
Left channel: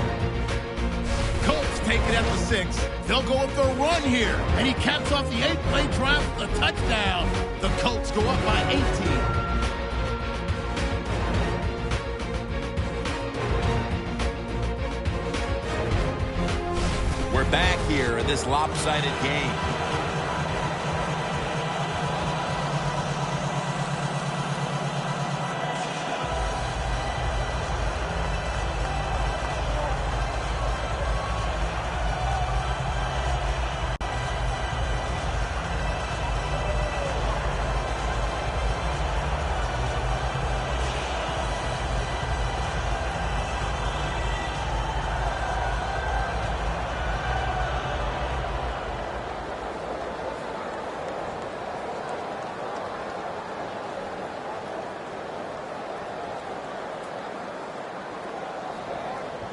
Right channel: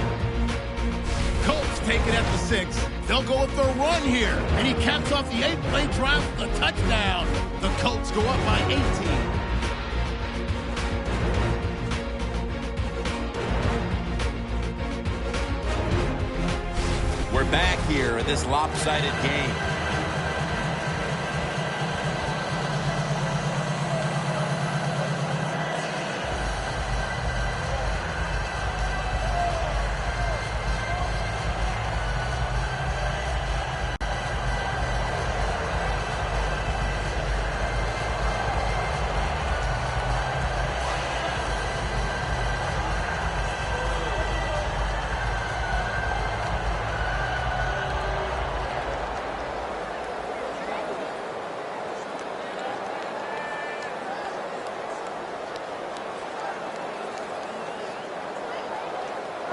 Colts take it at the 6. They'll go with their run here, and he caps off the 8-play drive with a touchdown. The Colts go up by 18. We're back here in this lopsided game.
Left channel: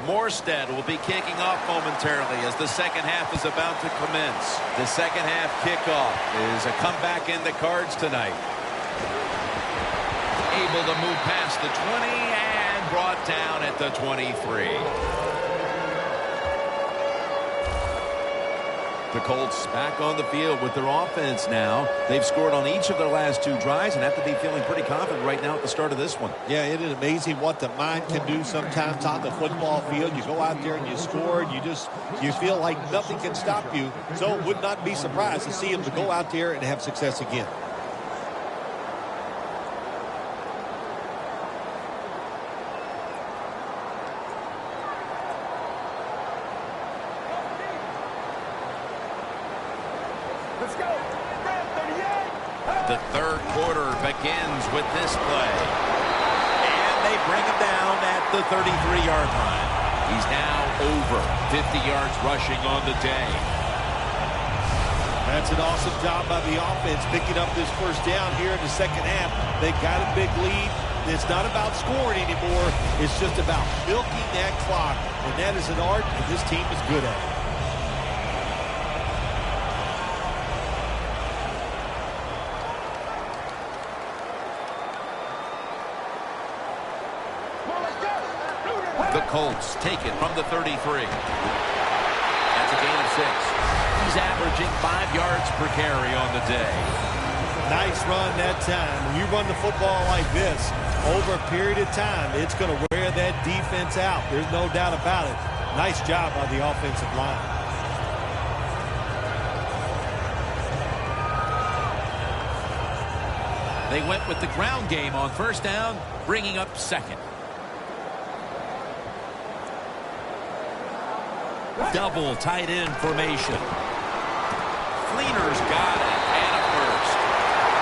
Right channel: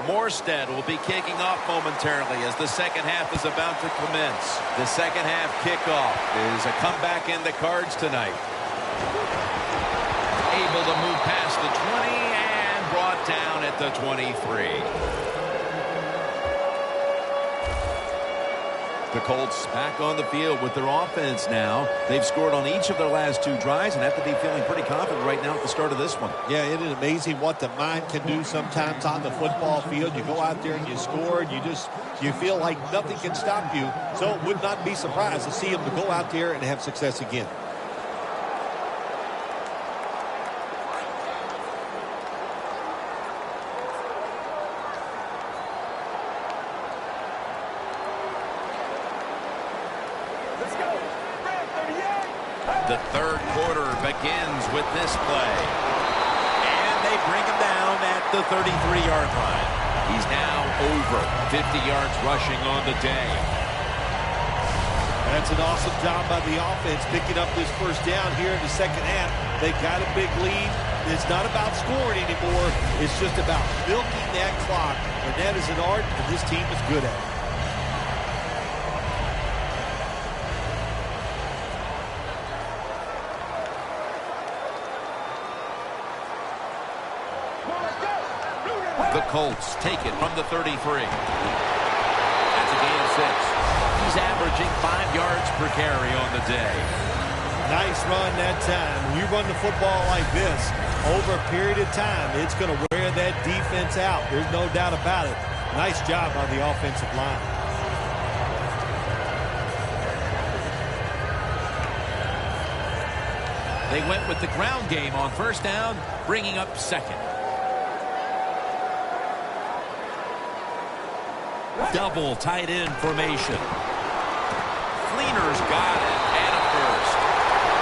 Morstead will be kicking off momentarily as the second half is about to commence. The second half kickoff is a comeback in the cards tonight. Able to move past the 20 and brought down at the 23. The Colts back on the field with their offense now. They've scored on each of their last 2 drives and have to be feeling pretty confident right now at the start of this one. Yeah, it is amazing what the mind can do sometimes on the football field. You go out there and you score, and you feel like nothing can stop you. So it would not be surprised to see them to go out there and have success again. Let's go. Red 38. The third quarter begins with this play. And they bring him down at the 33-yard line. He's now over 50 yards rushing on the day. That's an awesome job by the offense picking up this first down here in the second half. They got a big lead. It's not about scoring anymore. It's just about milking that clock. And that is an art, and this team is good at it. The Colts take it from the 33. That's a gain of 6. He's averaging 5 yards per carry on the day. Nice run that time. When you run the football like this, over a period of time, it's going to wear that defense out. There's no doubt about it. Nice job by the offensive line. They went with the ground game on first down, bringing up second. Double tight end formation. Fleener's got it, and a first.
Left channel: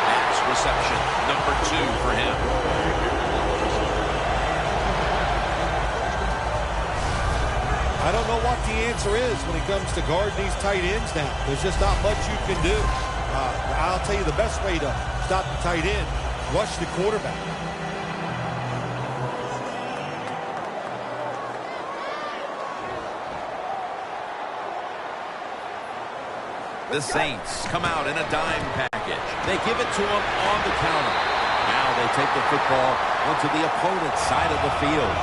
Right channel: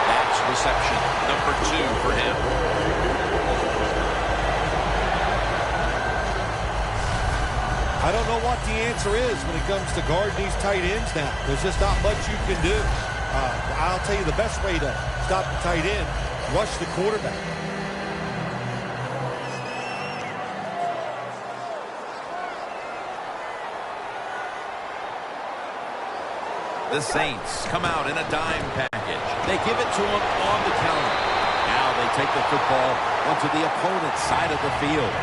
That's reception number 2 for him. I don't know what the answer is when it comes to guarding these tight ends now. There's just not much you can do. I'll tell you the best way to stop the tight end, rush the quarterback. The Saints come out in a dime package. They give it to him on the counter. Now they take the football onto the opponent's side of the field.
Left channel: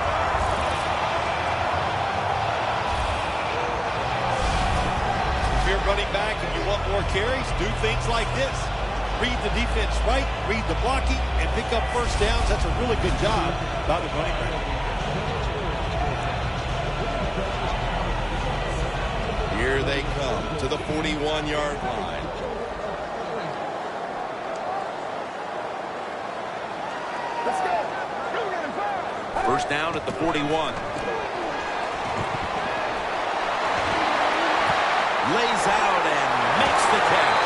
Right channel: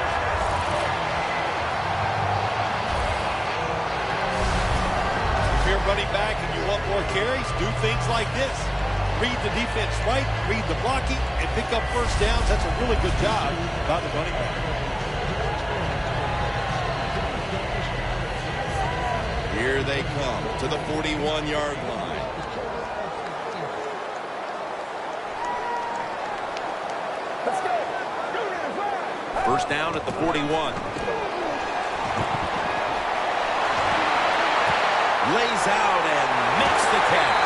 If you're running back and you want more carries, do things like this. Read the defense right, read the blocking, and pick up first downs. That's a really good job by the running back. Here they come to the 41-yard line. Let's go. First down at the 41. Lays out and makes the catch.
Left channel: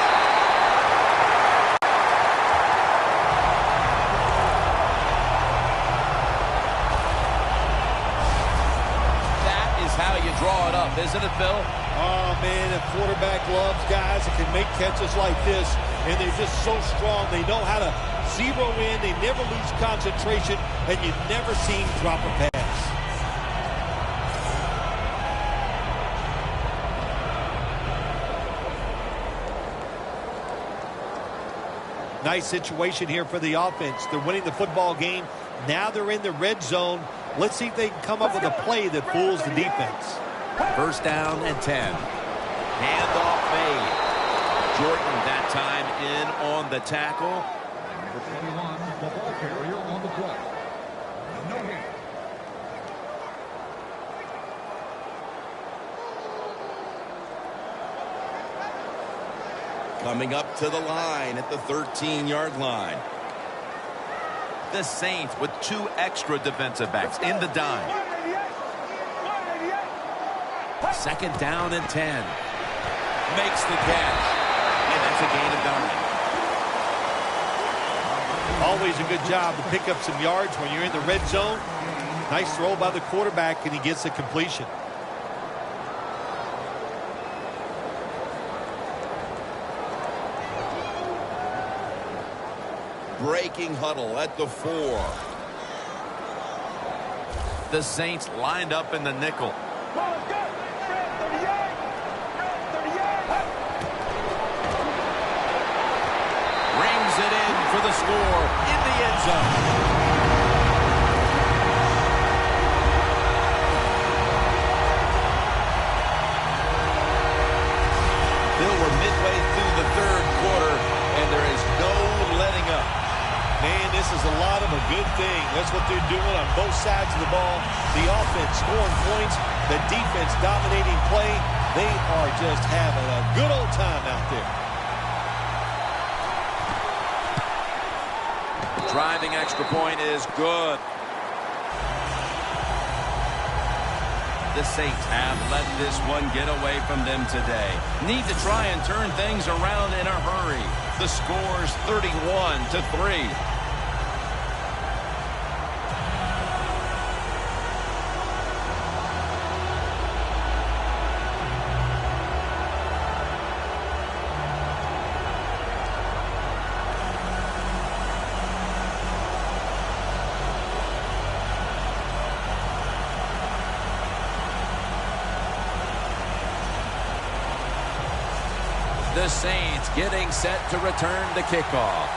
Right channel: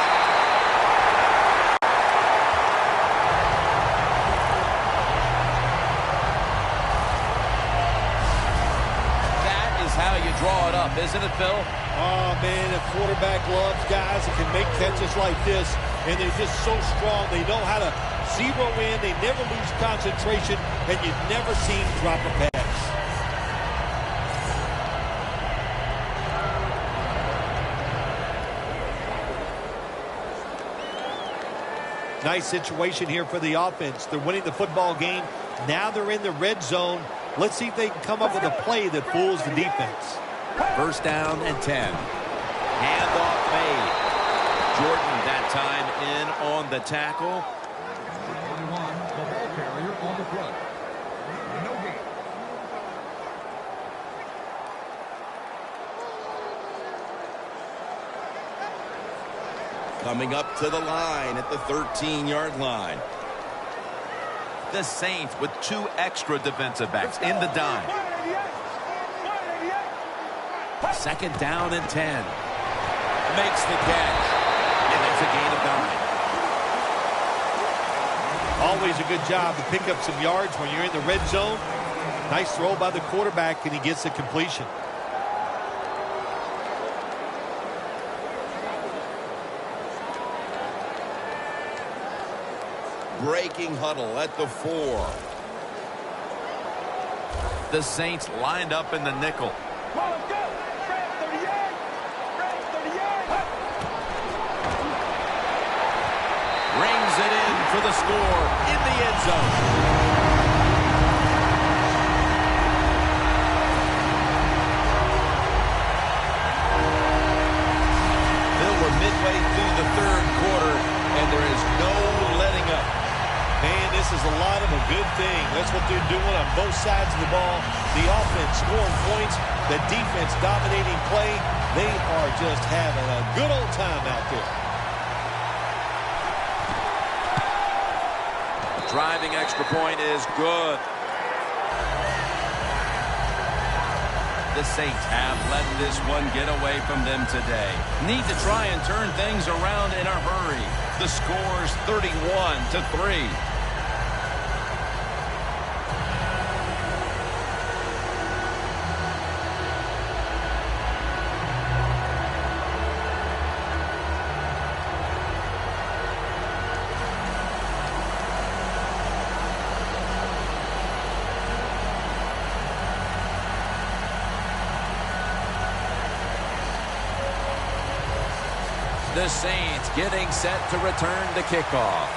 That is how you draw it up, isn't it, Phil? Oh, man, a quarterback loves guys that can make catches like this, and they're just so strong. They know how to zero in. They never lose concentration, and you never see him drop a pass. Nice situation here for the offense. They're winning the football game. Now they're in the red zone. Let's see if they can come up with a play that fools the defense. First down and 10. Handoff made. Jordan that time in on the tackle. Coming up to the line at the 13-yard line. The Saints with 2 extra defensive backs in the dime. Second down and 10. Makes the catch. And that's a gain of 9. Always a good job to pick up some yards when you're in the red zone. Nice throw by the quarterback, and he gets the completion. Breaking huddle at the 4. The Saints lined up in the nickel. Come on, let's go. Red 38. Red 38. Rings it in for the score in the end zone. Bill, we're midway through the third quarter, and there is no letting up. Man, this is a lot of a good thing. That's what they're doing on both sides of the ball. The offense scoring points, the defense dominating play. They are just having a good old time out there. Driving extra point is good. The Saints have let this one get away from them today. Need to try and turn things around in a hurry. The score's 31-3. The Saints getting set to return the kickoff.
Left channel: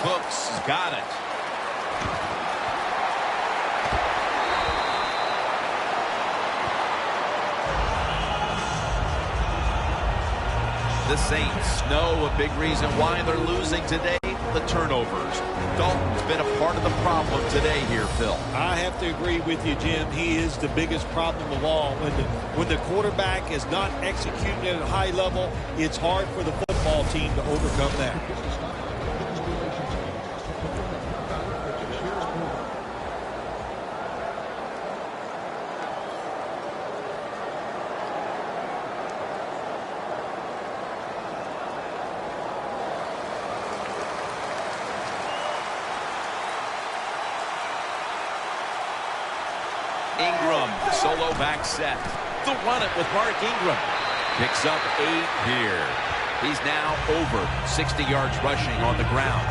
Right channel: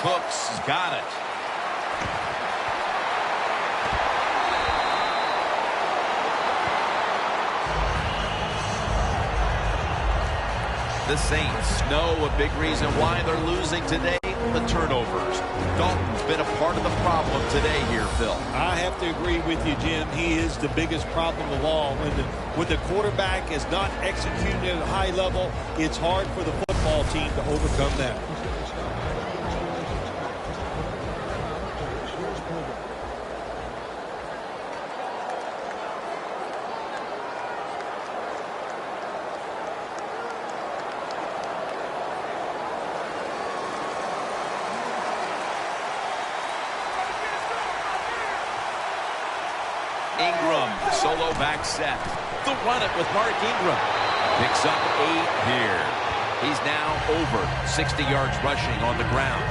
Cooks got it. The Saints know a big reason why they're losing today, the turnovers. Dalton's been a part of the problem today here, Phil. I have to agree with you, Jim. He is the biggest problem of all. When the quarterback is not executing at a high level, it's hard for the football team to overcome that. Ingram, solo back set. They'll run it with Mark Ingram. Picks up 8 here. He's now over 60 yards rushing on the ground.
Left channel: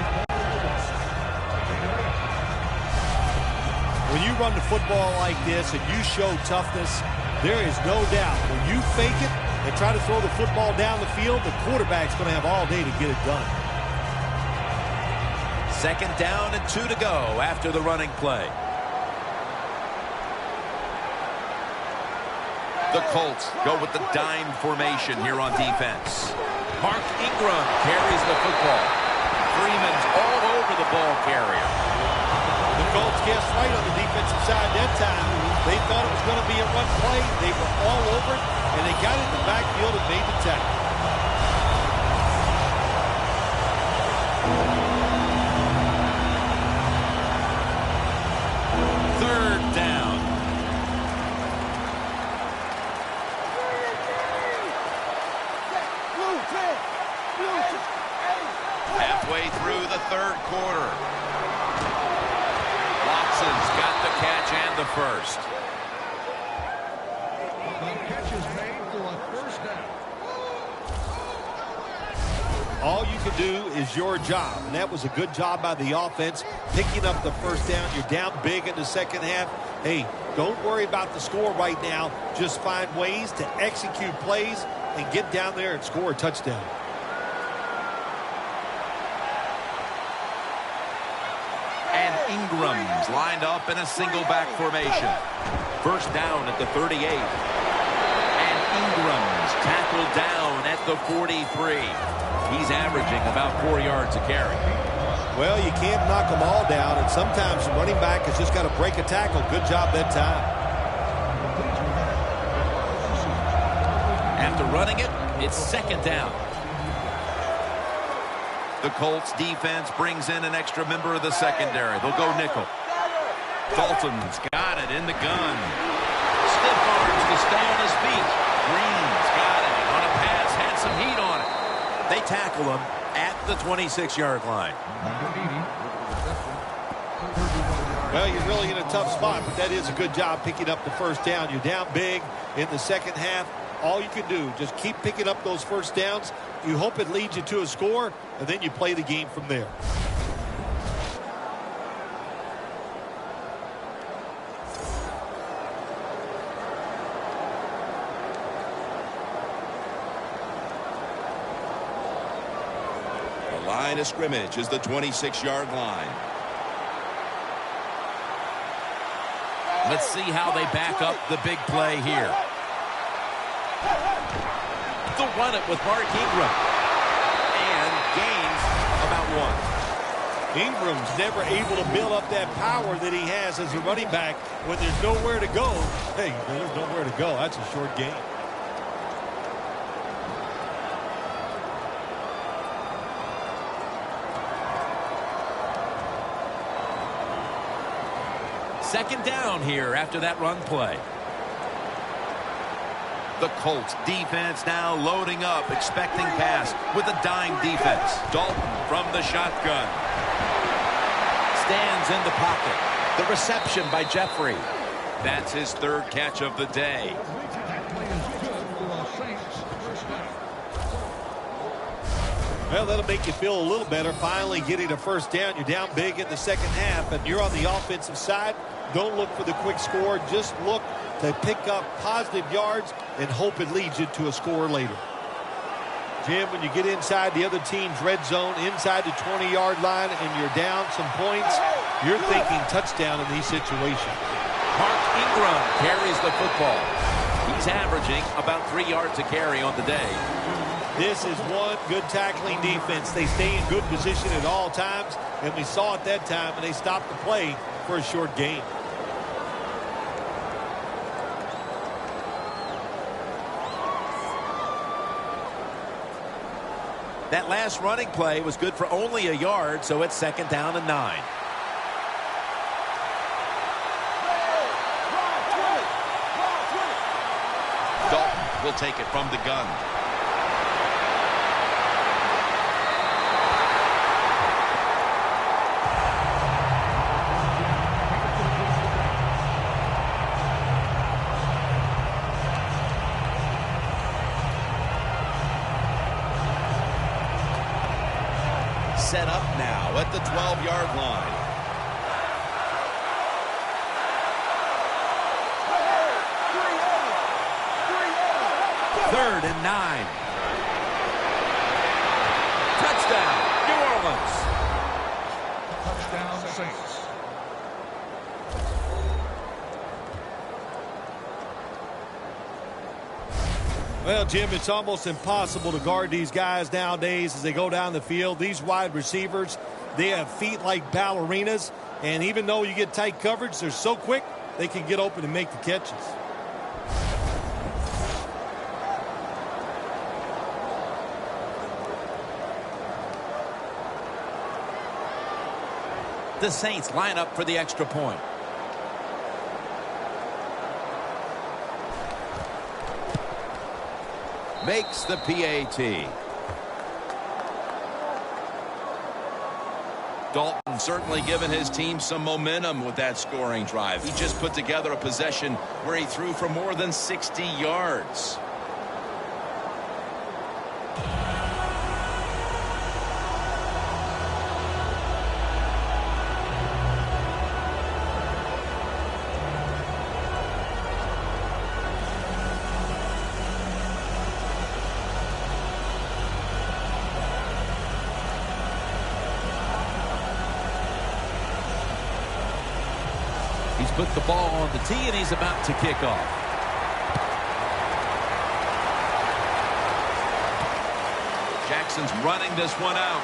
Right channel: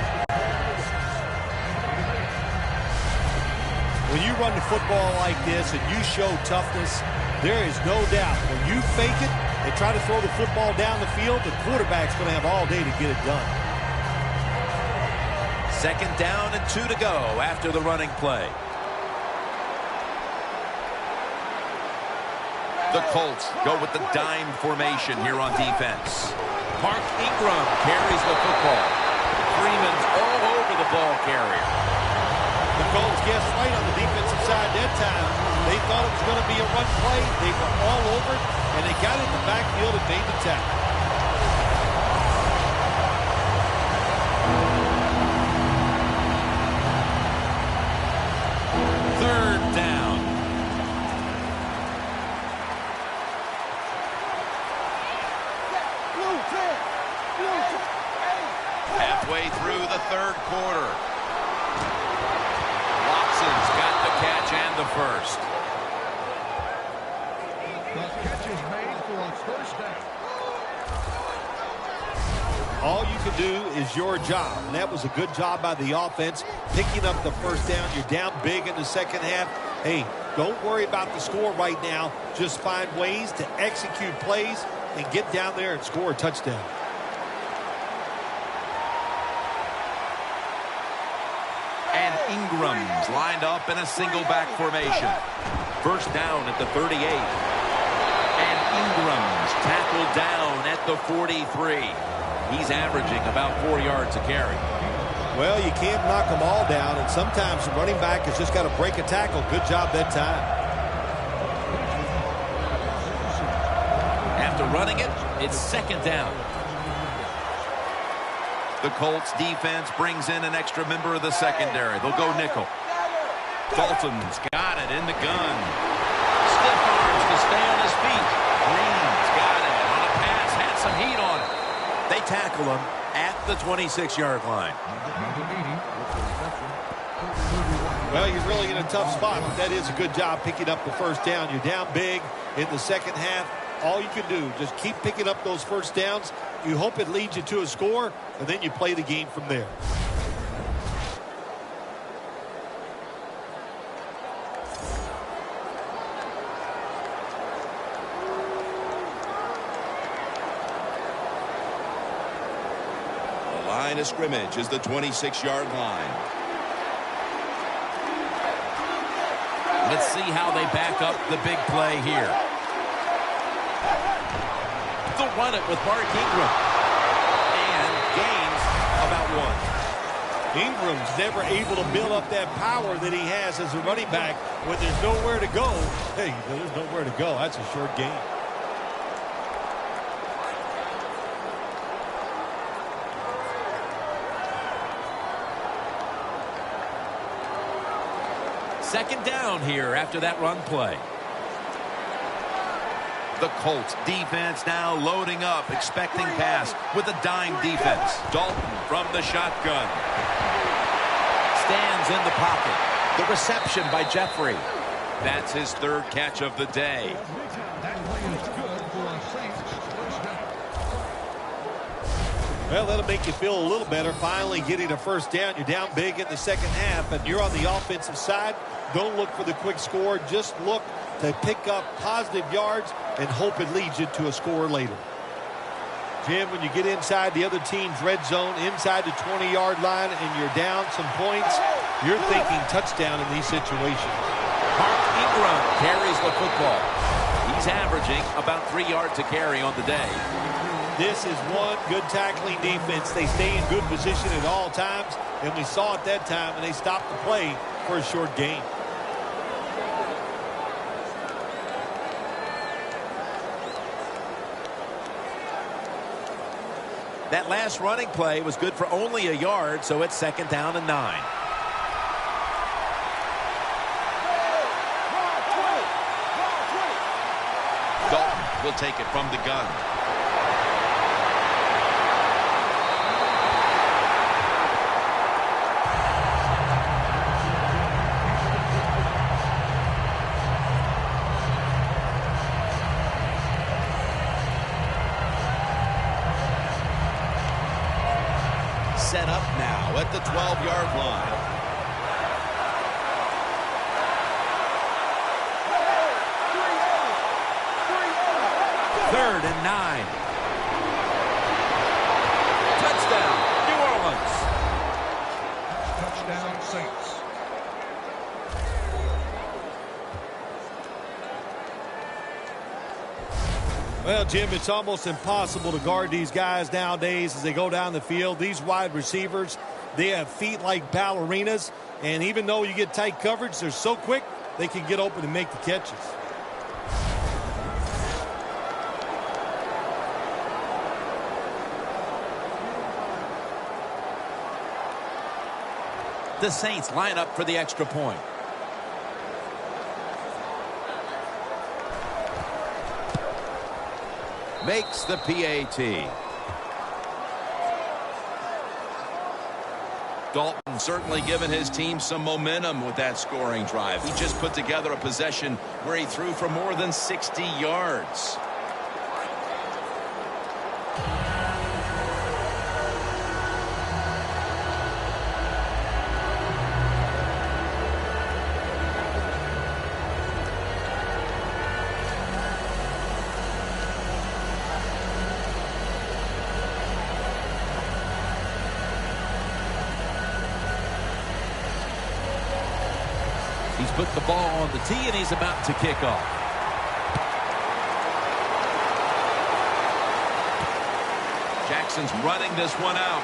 When you run the football like this and you show toughness, there is no doubt when you fake it and try to throw the football down the field, the quarterback's going to have all day to get it done. 2nd down and 2 to go after the running play. The Colts go with the dime formation here on defense. Mark Ingram carries the football. Freeman's all over the ball carrier. The Colts guessed right on the defensive side that time. They thought it was going to be a run play. They were all over it, and they got it in the backfield and made the tackle. Third down. Halfway through the 3rd quarter. Watson's got the catch and the first. All you can do is your job, and that was a good job by the offense, picking up the 1st down. You're down big in the 2nd half. Hey, don't worry about the score right now. Just find ways to execute plays and get down there and score a touchdown. And Ingram's lined up in a single back formation. 1st down at the 38. And Ingram's tackled down at the 43. He's averaging about 4 yards a carry. Well, you can't knock them all down, and sometimes the running back has just got to break a tackle. Good job that time. After running it, it's 2nd down. The Colts defense brings in an extra member of the secondary. They'll go nickel. Dalton's got it in the gun. Stiff arms to stay on his feet. Green's got it on a pass, had some heat on it. They tackle him at the 26-yard line. Well, you're really in a tough spot, but that is a good job picking up the 1st down. You're down big in the 2nd half. All you can do, just keep picking up those 1st downs. You hope it leads you to a score, and then you play the game from there. The line of scrimmage is the 26-yard line. Let's see how they back up the big play here. They'll run it with Mark Ingram. And gains about 1. Ingram's never able to build up that power that he has as a running back when there's nowhere to go. Hey, there's nowhere to go. That's a short gain. Second down here after that run play. The Colts defense now loading up, expecting pass with a dime defense. Dalton from the shotgun. Stands in the pocket. The reception by Jeffrey. That's his 3rd catch of the day. Well, that'll make you feel a little better. Finally getting a 1st down. You're down big in the 2nd half, and you're on the offensive side. Don't look for the quick score. Just look to pick up positive yards and hope it leads you to a score later. Jim, when you get inside the other team's red zone, inside the 20-yard line, and you're down some points, you're thinking touchdown in these situations. Mark Ingram carries the football. He's averaging about 3 yards a carry on the day. This is one good tackling defense. They stay in good position at all times, and we saw it that time, and they stopped the play for a short gain. That last running play was good for only a yard, so it's 2nd down and 9. Dalton will take it from the gun. set up now at the 12-yard line. Third and 9. Touchdown, New Orleans. Well, Jim, it's almost impossible to guard these guys nowadays as they go down the field. These wide receivers, they have feet like ballerinas, and even though you get tight coverage, they're so quick, they can get open and make the catches. The Saints line up for the extra point. Makes the PAT. Dalton certainly given his team some momentum with that scoring drive. He just put together a possession where he threw for more than 60 yards. He's put the ball on the tee, and he's about to kick off. Jackson's running this one out.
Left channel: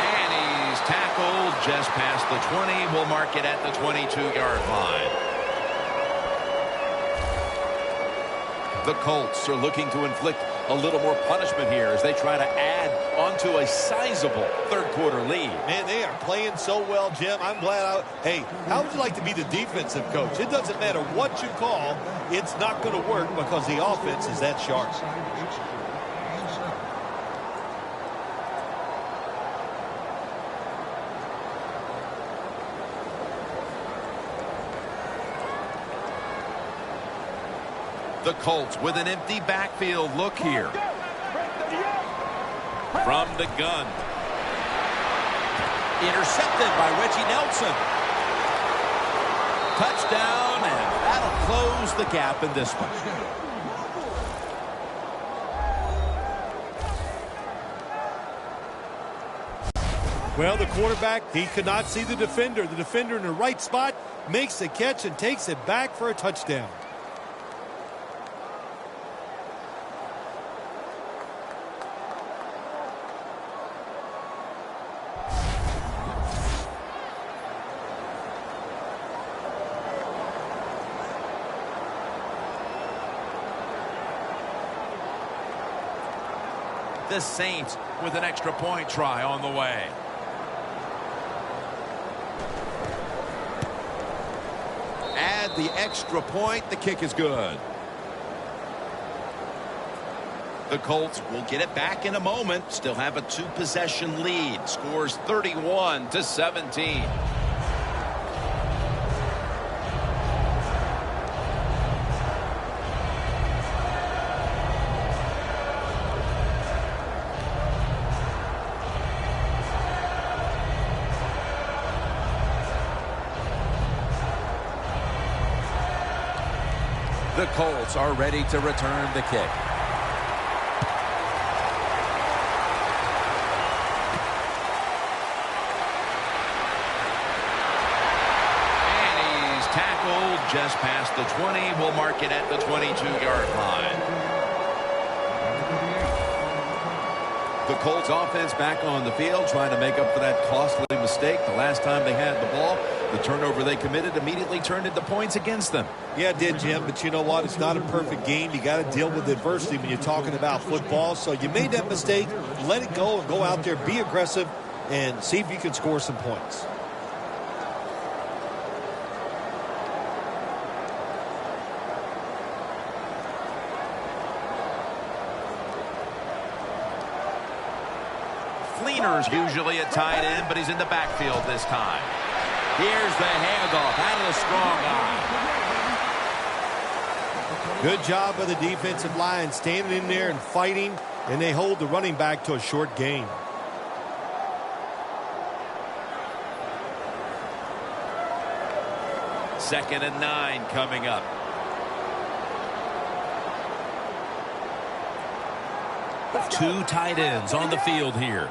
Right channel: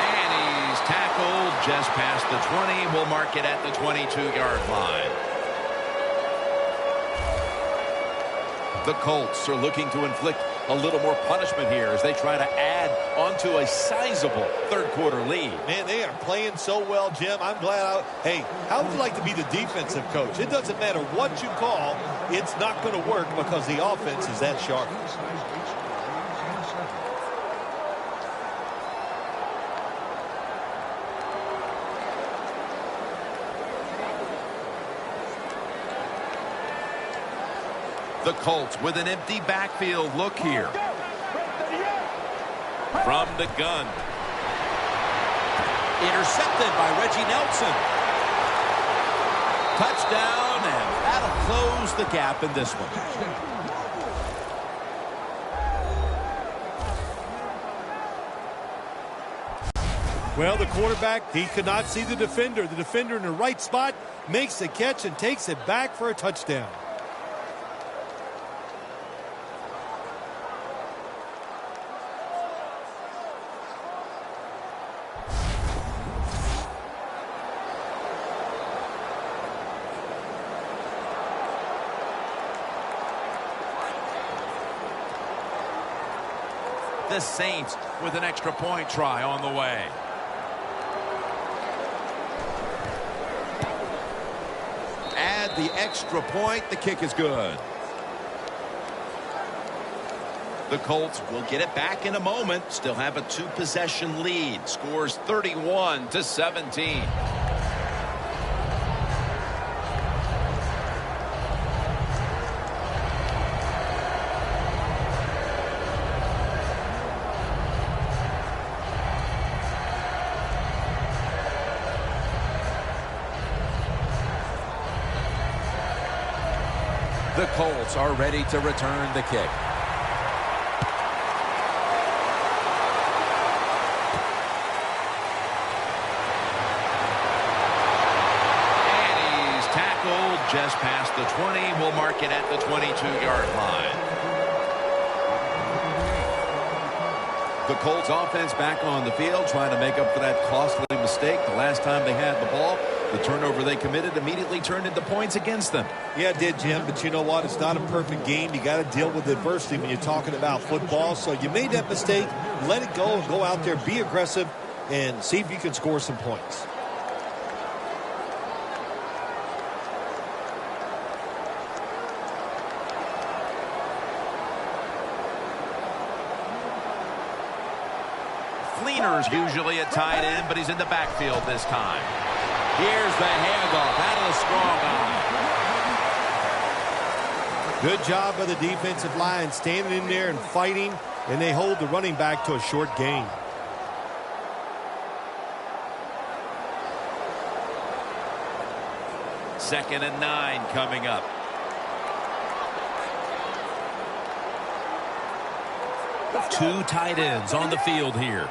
And he's tackled just past the 20. We'll mark it at the 22-yard line. The Colts are looking to inflict a little more punishment here as they try to add onto a sizable third-quarter lead. Man, they are playing so well, Jim. I'm glad. Hey, how would you like to be the defensive coach? It doesn't matter what you call. It's not going to work because the offense is that sharp. The Colts with an empty backfield look here. From the gun. Intercepted by Reggie Nelson. Touchdown, and that'll close the gap in this one. Well, the quarterback, he could not see the defender. The defender in the right spot makes the catch and takes it back for a touchdown. The Saints with an extra point try on the way. Add the extra point. The kick is good. The Colts will get it back in a moment. Still have a two-possession lead. Scores 31-17. The Colts are ready to return the kick. And he's tackled just past the 20. We'll mark it at the 22-yard line. The Colts offense back on the field trying to make up for that costly mistake the last time they had the ball. The turnover they committed immediately turned into points against them. Yeah, it did, Jim, but you know what? It's not a perfect game. You got to deal with adversity when you're talking about football. So you made that mistake, let it go, and go out there, be aggressive, and see if you can score some points. Fleener's usually at tight end, but he's in the backfield this time. Here's the handoff out of the strong eye. Good job by the defensive line, standing in there and fighting, and they hold the running back to a short gain. 2nd and 9 coming up. Two tight ends on the field here.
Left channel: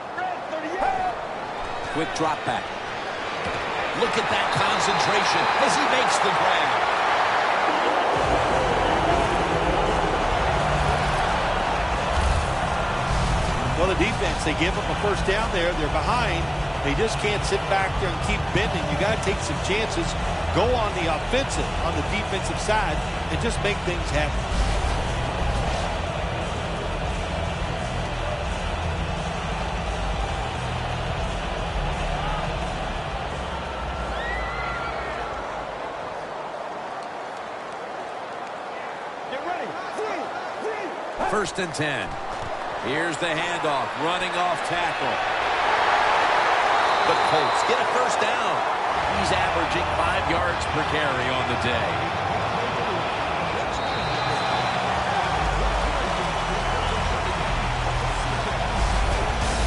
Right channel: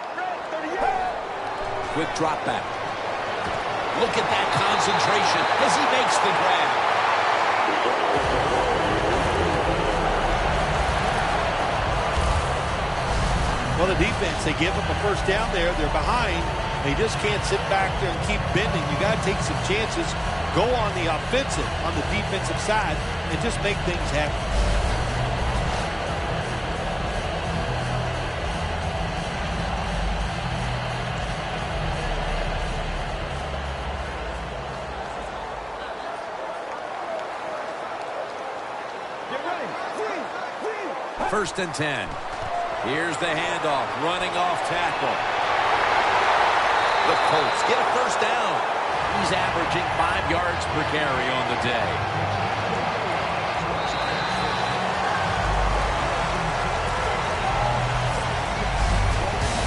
Quick drop back. Look at that concentration as he makes the grab. Well, the defense, they give up a first down there. They're behind. They just can't sit back there and keep bending. You got to take some chances. Go on the offensive, on the defensive side, and just make things happen. Get ready. 1st and 10. Here's the handoff, running off tackle. The Colts get a first down. He's averaging 5 yards per carry on the day.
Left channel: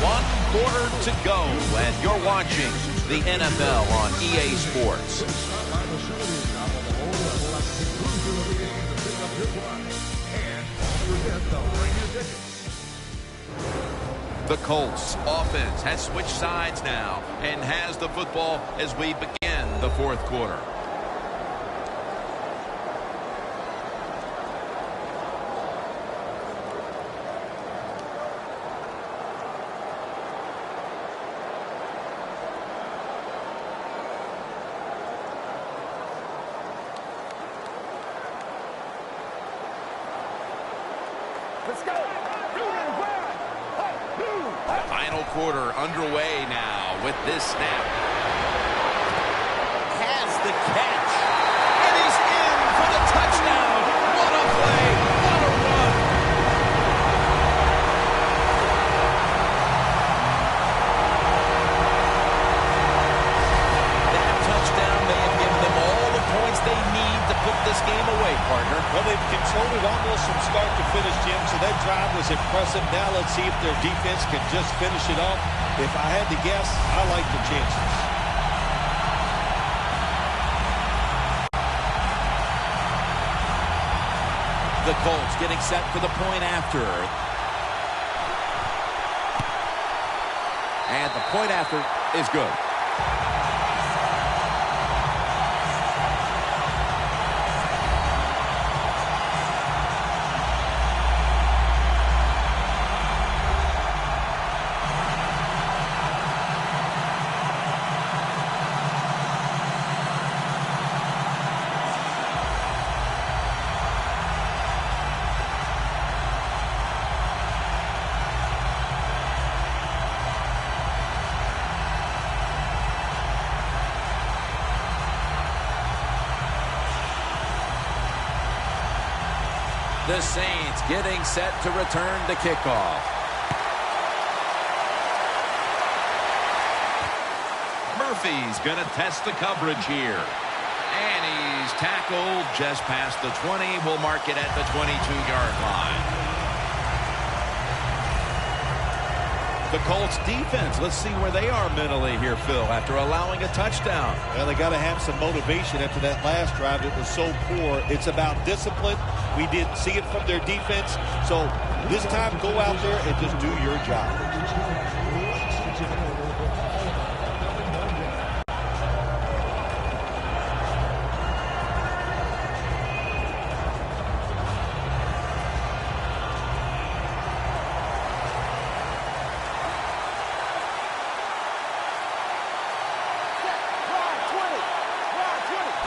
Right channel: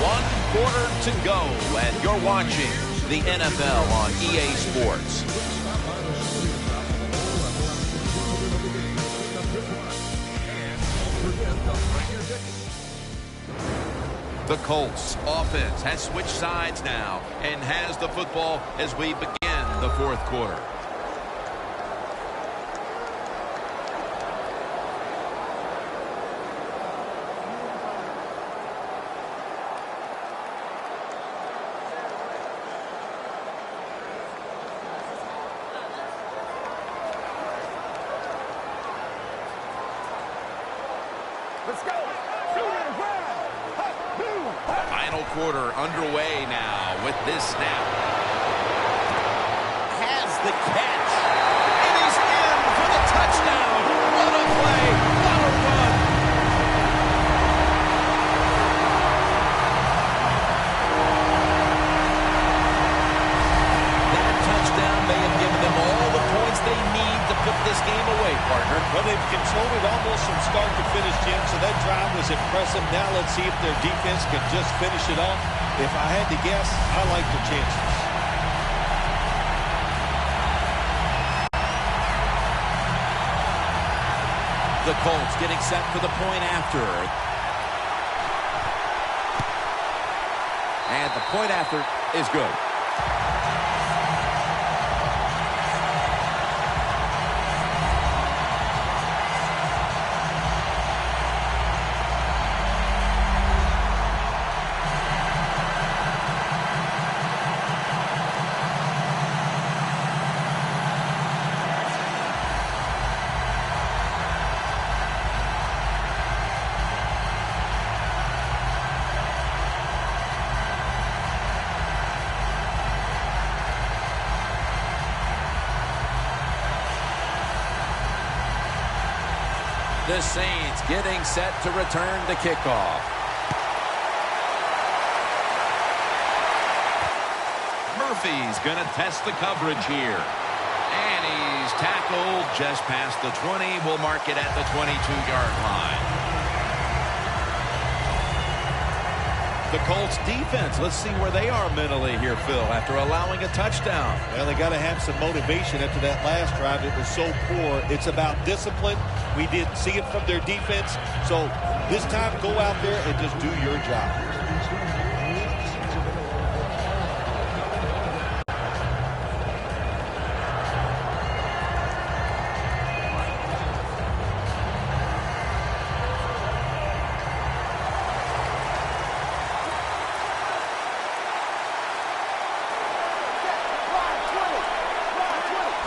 One quarter to go, and you're watching the NFL on EA Sports. The Colts offense has switched sides now and has the football as we begin the 4th quarter. Let's go. Blue to the ground. Final quarter underway now with this snap. Has the catch. And he's in for the touchdown. What a play. What a run. That touchdown may have given them all the points they need to put this game away, partner. Well, they've controlled it almost from start to finish, Jim, so that drive was impressive. Now let's see if their defense can just finish it off. If I had to guess, I like their chances. The Colts getting set for the point after. And the point after is good. The Saints getting set to return the kickoff. Murphy's going to test the coverage here. And he's tackled just past the 20. We'll mark it at the 22-yard line. The Colts defense, let's see where they are mentally here, Phil, after allowing a touchdown. Well, they got to have some motivation after that last drive. It was so poor. It's about discipline. We didn't see it from their defense. So this time, go out there and just do your job.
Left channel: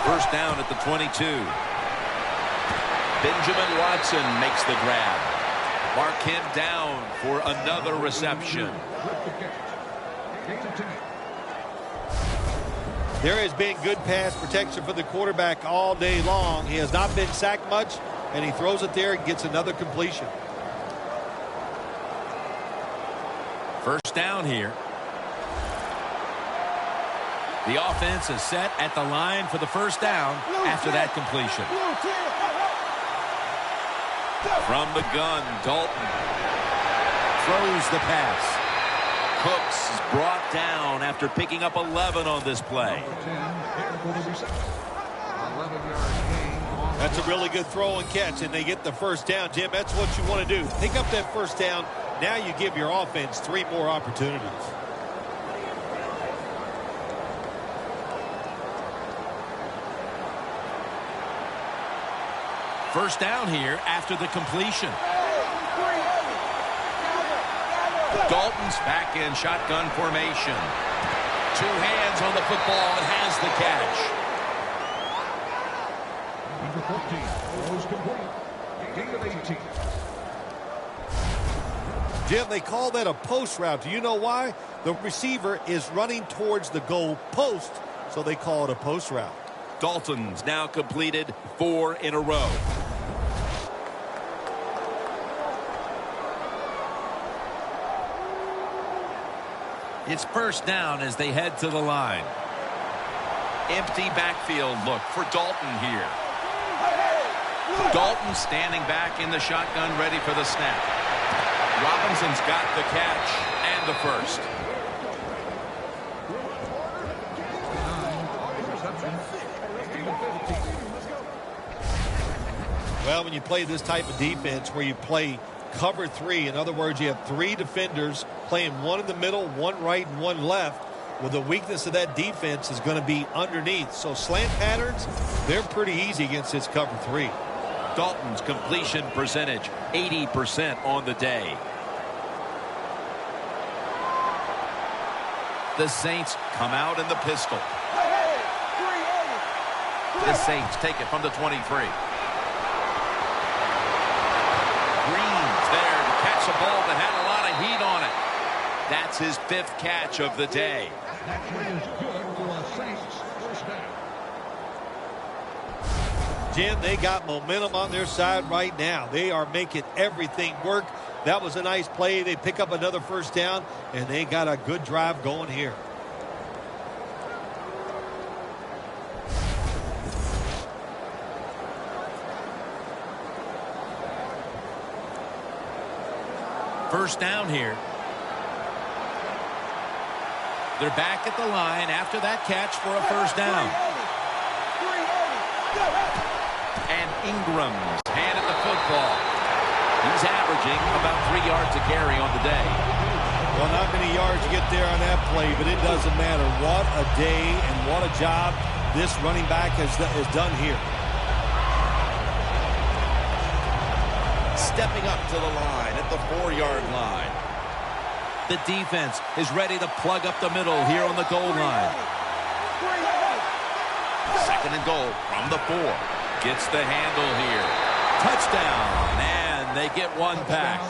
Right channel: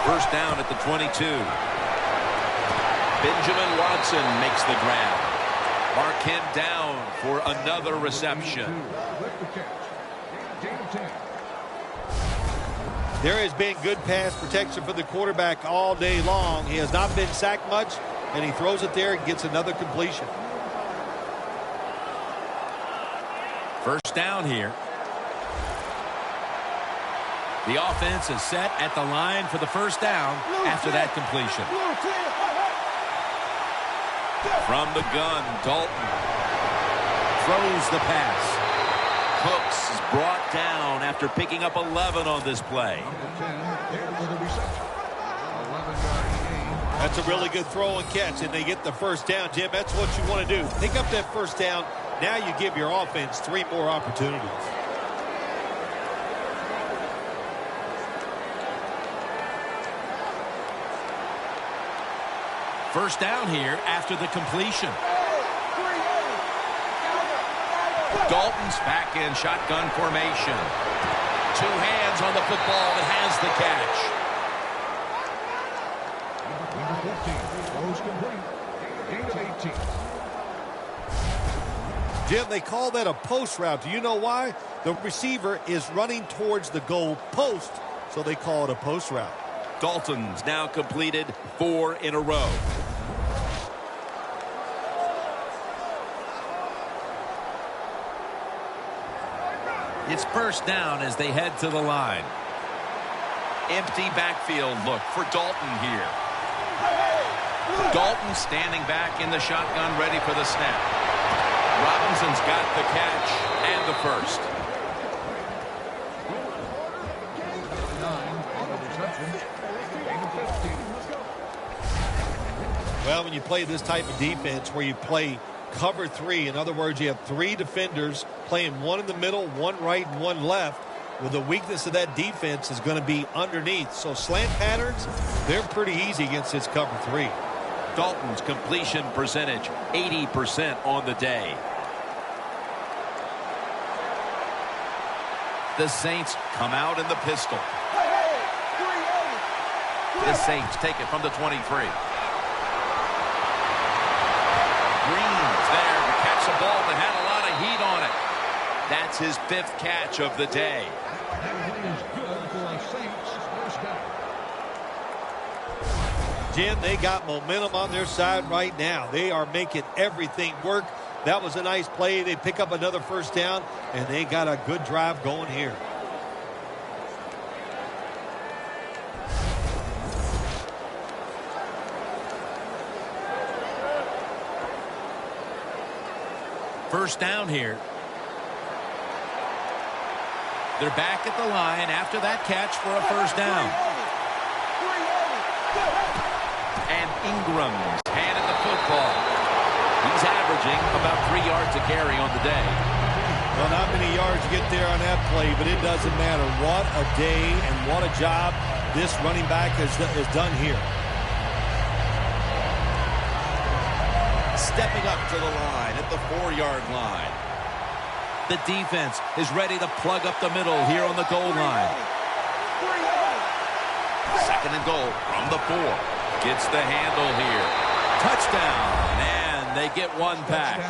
First down at the 22. Benjamin Watson makes the grab. Mark him down for another reception. There has been good pass protection for the quarterback all day long. He has not been sacked much, and he throws it there and gets another completion. First down here. The offense is set at the line for the first down after that completion. From the gun, Dalton throws the pass. Cooks is brought down after picking up 11 on this play. That's a really good throw and catch, and they get the first down, Jim. That's what you want to do. Pick up that first down. Now you give your offense 3 more opportunities. First down here after the completion. Dalton's back in shotgun formation. 2 hands on the football and has the catch. Jim, they call that a post route. Do you know why? The receiver is running towards the goal post, so they call it a post route. Dalton's now completed 4 in a row. It's first down as they head to the line. Empty backfield look for Dalton here. Dalton standing back in the shotgun, ready for the snap. Robinson's got the catch and the first. Well, when you play this type of defense where you play cover 3, in other words, you have 3 defenders playing 1 in the middle, 1 right, and 1 left. Well, the weakness of that defense is going to be underneath. So slant patterns, they're pretty easy against this cover 3. Dalton's completion percentage, 80% on the day. The Saints come out in the pistol. The Saints take it from the 23. Green's there to catch a ball that had a lot of heat on it. That's his 5th catch of the day. Jim, they got momentum on their side right now. They are making everything work. That was a nice play. They pick up another first down, and they got a good drive going here. First down here. They're back at the line after that catch for a first down. And Ingram's handed the football. He's averaging about 3 yards a carry on the day. Well, not many yards to get there on that play, but it doesn't matter. What a day and what a job this running back has done here. Stepping up to the line at the 4-yard line. The defense is ready to plug up the middle here on the goal line. 2nd and goal from the 4. Gets the handle here. Touchdown, and they get 1 back.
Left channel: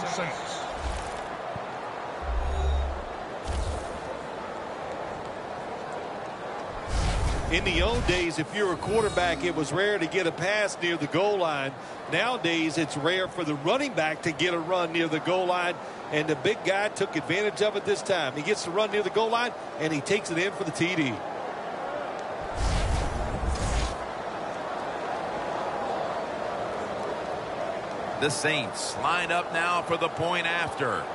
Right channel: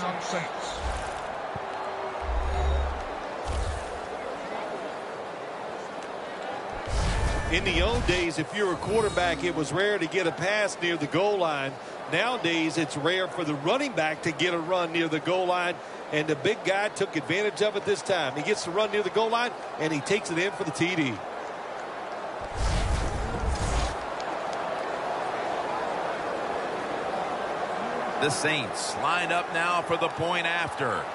In the old days, if you were a quarterback, it was rare to get a pass near the goal line. Nowadays, it's rare for the running back to get a run near the goal line, and the big guy took advantage of it this time. He gets to run near the goal line, and he takes it in for the TD. The Saints line up now for the point after.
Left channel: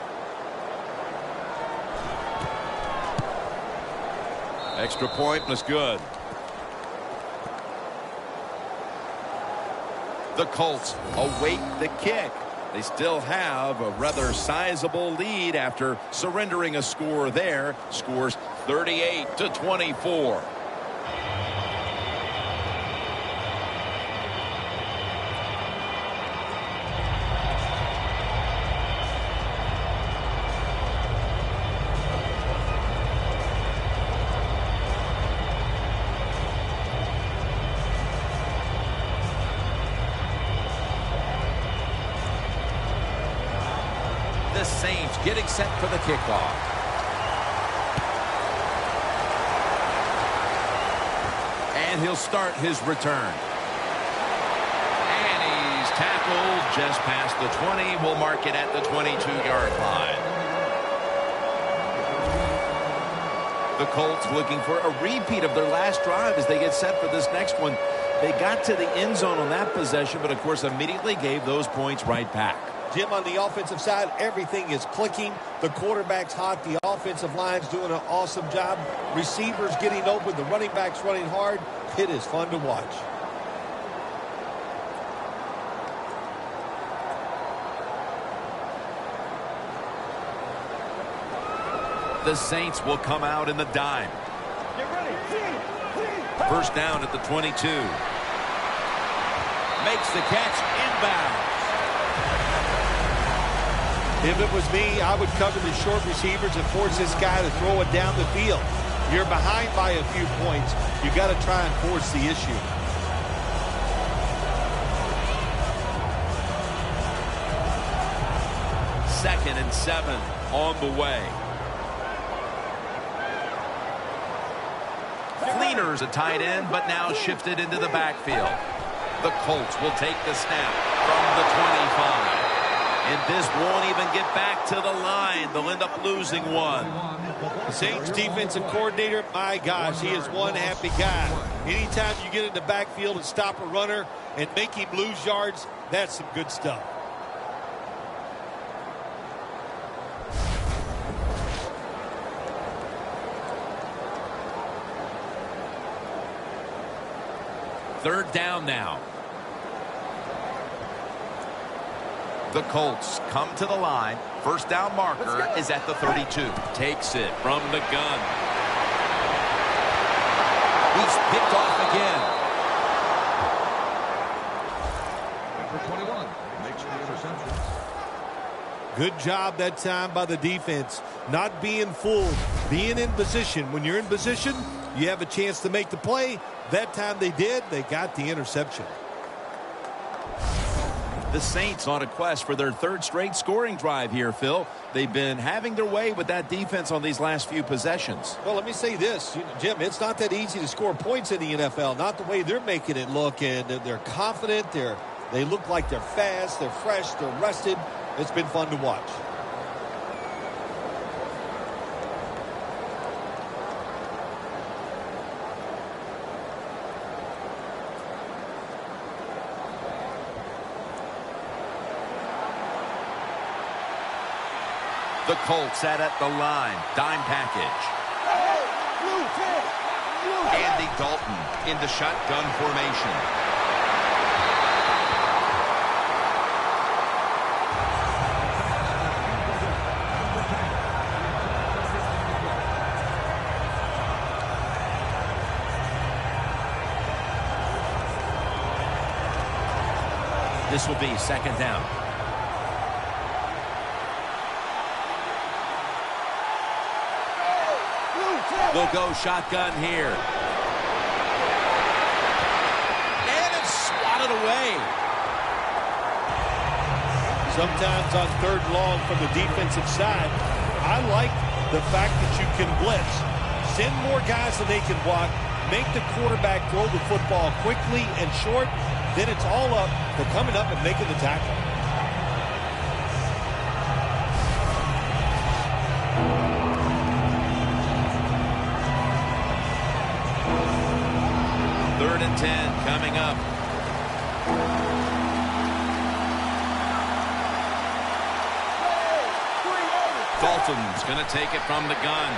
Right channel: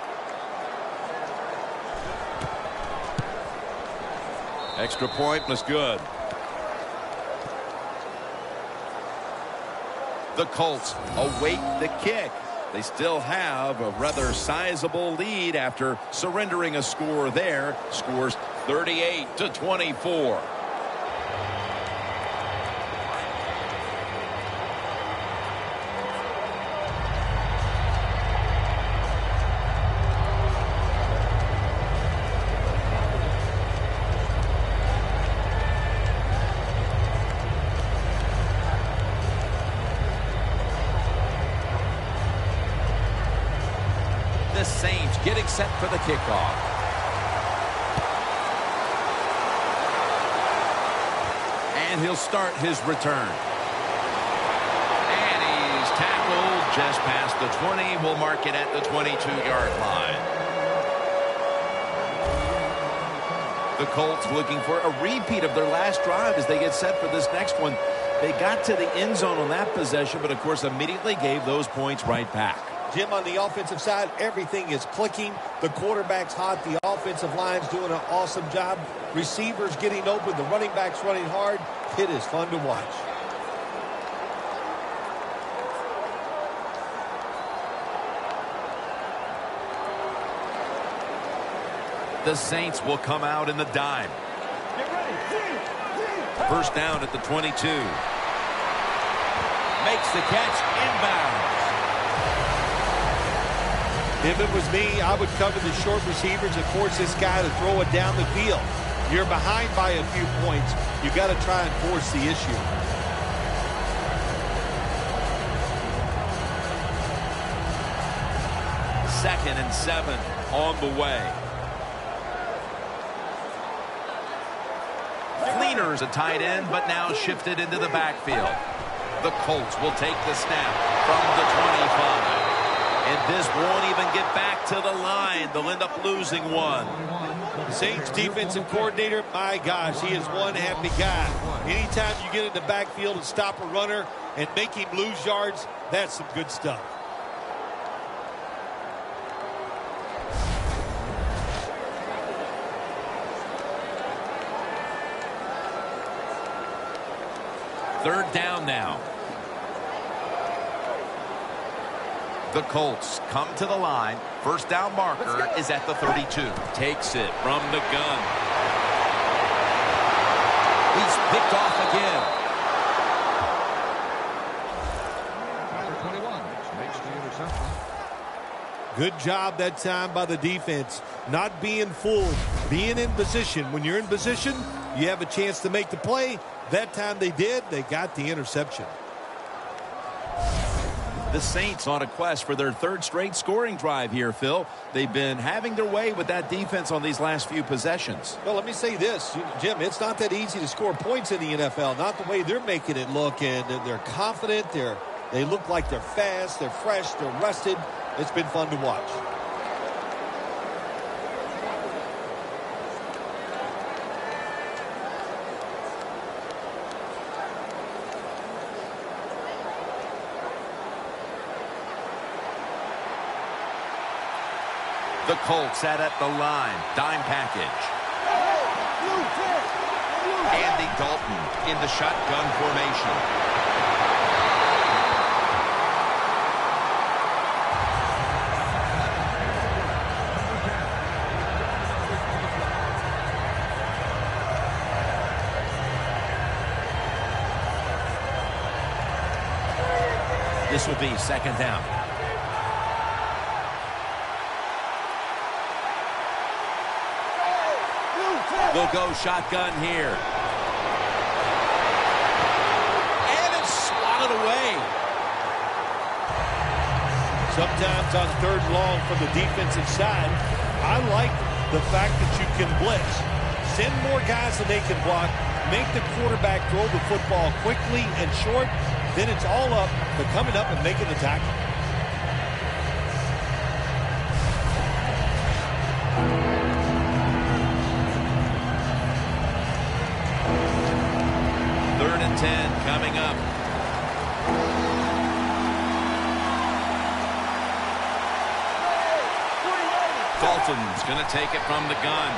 Extra point was good. The Colts await the kick. They still have a rather sizable lead after surrendering a score there. Scores 38-24. The Saints getting set for the kickoff. And he'll start his return. And he's tackled just past the 20. We'll mark it at the 22-yard line. The Colts looking for a repeat of their last drive as they get set for this next one. They got to the end zone on that possession, but of course immediately gave those points right back. Jim, on the offensive side, everything is clicking. The quarterback's hot. The offensive line's doing an awesome job. Receivers getting open. The running back's running hard. It is fun to watch. The Saints will come out in the dime. Get ready. First down at the 22. Makes the catch inbounds. If it was me, I would cover the short receivers and force this guy to throw it down the field. You're behind by a few points. You got to try and force the issue. Second and 7 on the way. Fleener's a tight end, but now shifted into the backfield. The Colts will take the snap from the 25. And this won't even get back to the line. They'll end up losing one. The Saints defensive coordinator, my gosh, he is one happy guy. Anytime you get in the backfield and stop a runner and make him lose yards, that's some good stuff. Third down now. The Colts come to the line. First down marker is at the 32. Takes it from the gun. He's picked off again. Good job that time by the defense. Not being fooled, being in position. When you're in position, you have a chance to make the play. That time they did. They got the interception. The Saints on a quest for their third straight scoring drive here, Phil. They've been having their way with that defense on these last few possessions. Well, let me say this, Jim, it's not that easy to score points in the NFL, not the way they're making it look, and they're confident, they look like they're fast, they're fresh, they're rested. It's been fun to watch. The Colts at the line. Dime package. Andy Dalton in the shotgun formation. This will be second down. They'll go shotgun here. And it's swatted away. Sometimes on third and long from the defensive side, I like the fact that you can blitz. Send more guys than they can block. Make the quarterback throw the football quickly and short. Then it's all up to coming up and making the tackle. Third and 10 coming up. Dalton's going to take it from the gun.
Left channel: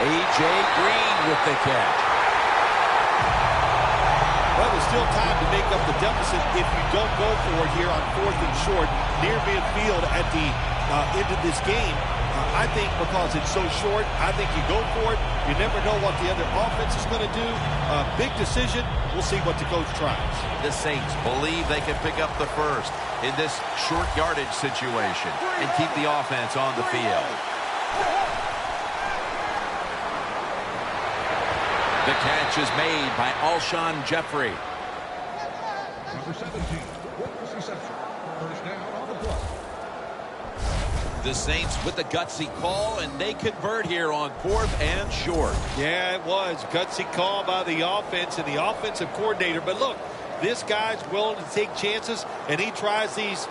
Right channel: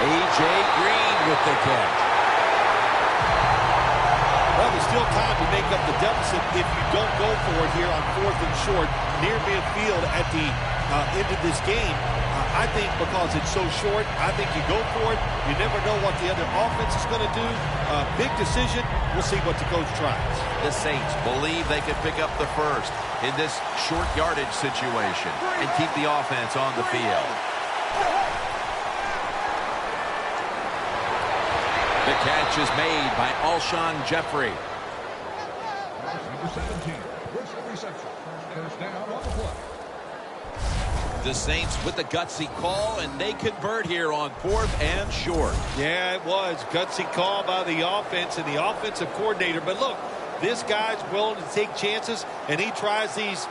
A.J. Green with the catch. Well, there's still time to make up the deficit if you don't go for it here on fourth and short near midfield at the end of this game. I think because it's so short, I think you go for it. You never know what the other offense is going to do. Big decision. We'll see what the coach tries. The Saints believe they can pick up the first in this short yardage situation and keep the offense on the field. The catch is made by Alshon Jeffrey. The Saints with the gutsy call, and they convert here on fourth and short. Yeah, it was. Gutsy call by the offense and the offensive coordinator. But look, this guy's willing to take chances, and he tries these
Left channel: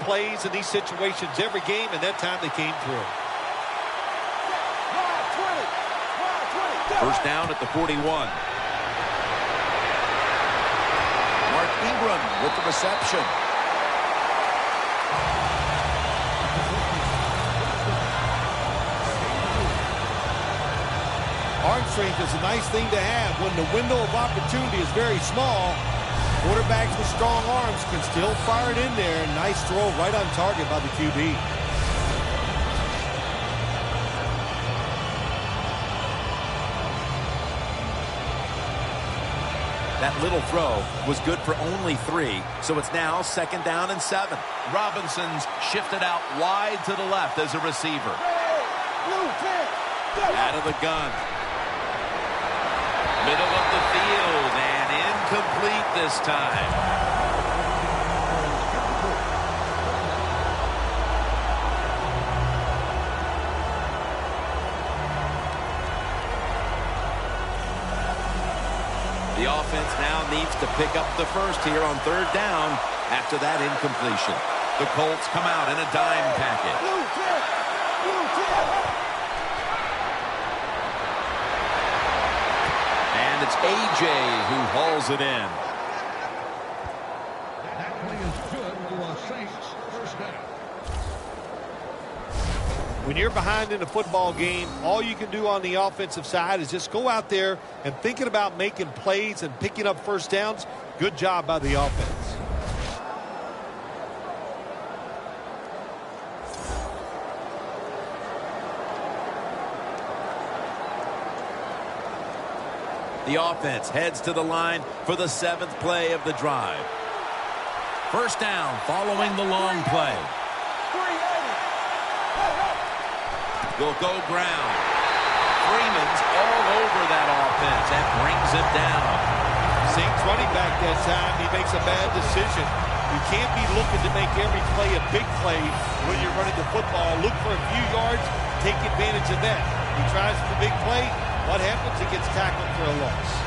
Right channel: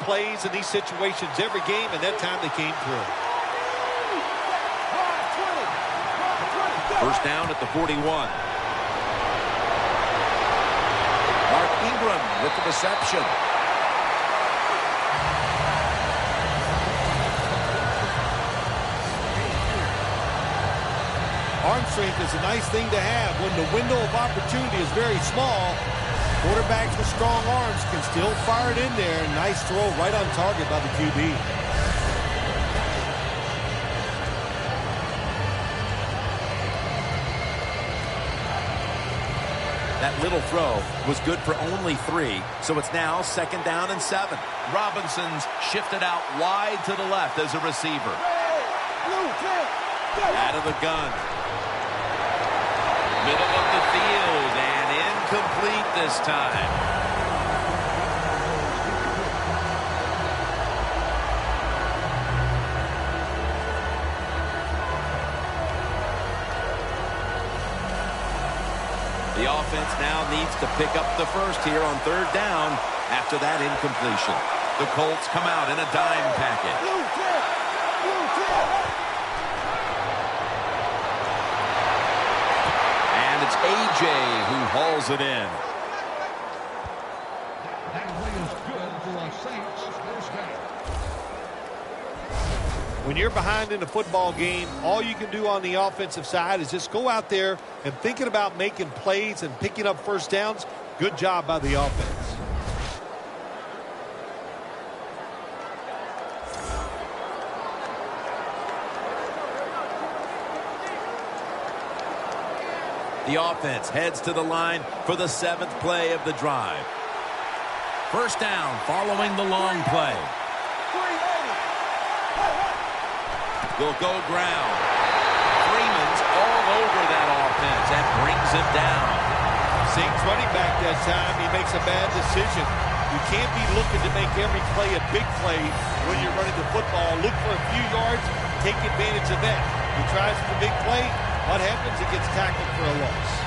plays and these situations every game, and that time they came through. First down at the 41. Mark Ingram with the reception. Arm strength is a nice thing to have when the window of opportunity is very small. Quarterbacks with strong arms can still fire it in there. Nice throw right on target by the QB. That little throw was good for only 3, so it's now 2nd down and 7. Robinson's shifted out wide to the left as a receiver. Out of the gun. Middle of the field and incomplete this time. The offense now needs to pick up the first here on 3rd down after that incompletion. The Colts come out in a dime package. And it's A.J. who hauls it in. When you're behind in a football game, all you can do on the offensive side is just go out there and thinking about making plays and picking up first downs. Good job by the offense. The offense heads to the line for the 7th play of the drive. First down following the long play. Will go ground. Freeman's all over that offense and brings him down. Saints running back that time, he makes a bad decision. You can't be looking to make every play a big play when you're running the football. Look for a few yards, take advantage of that. He tries for the big play. What happens? He gets tackled for a loss.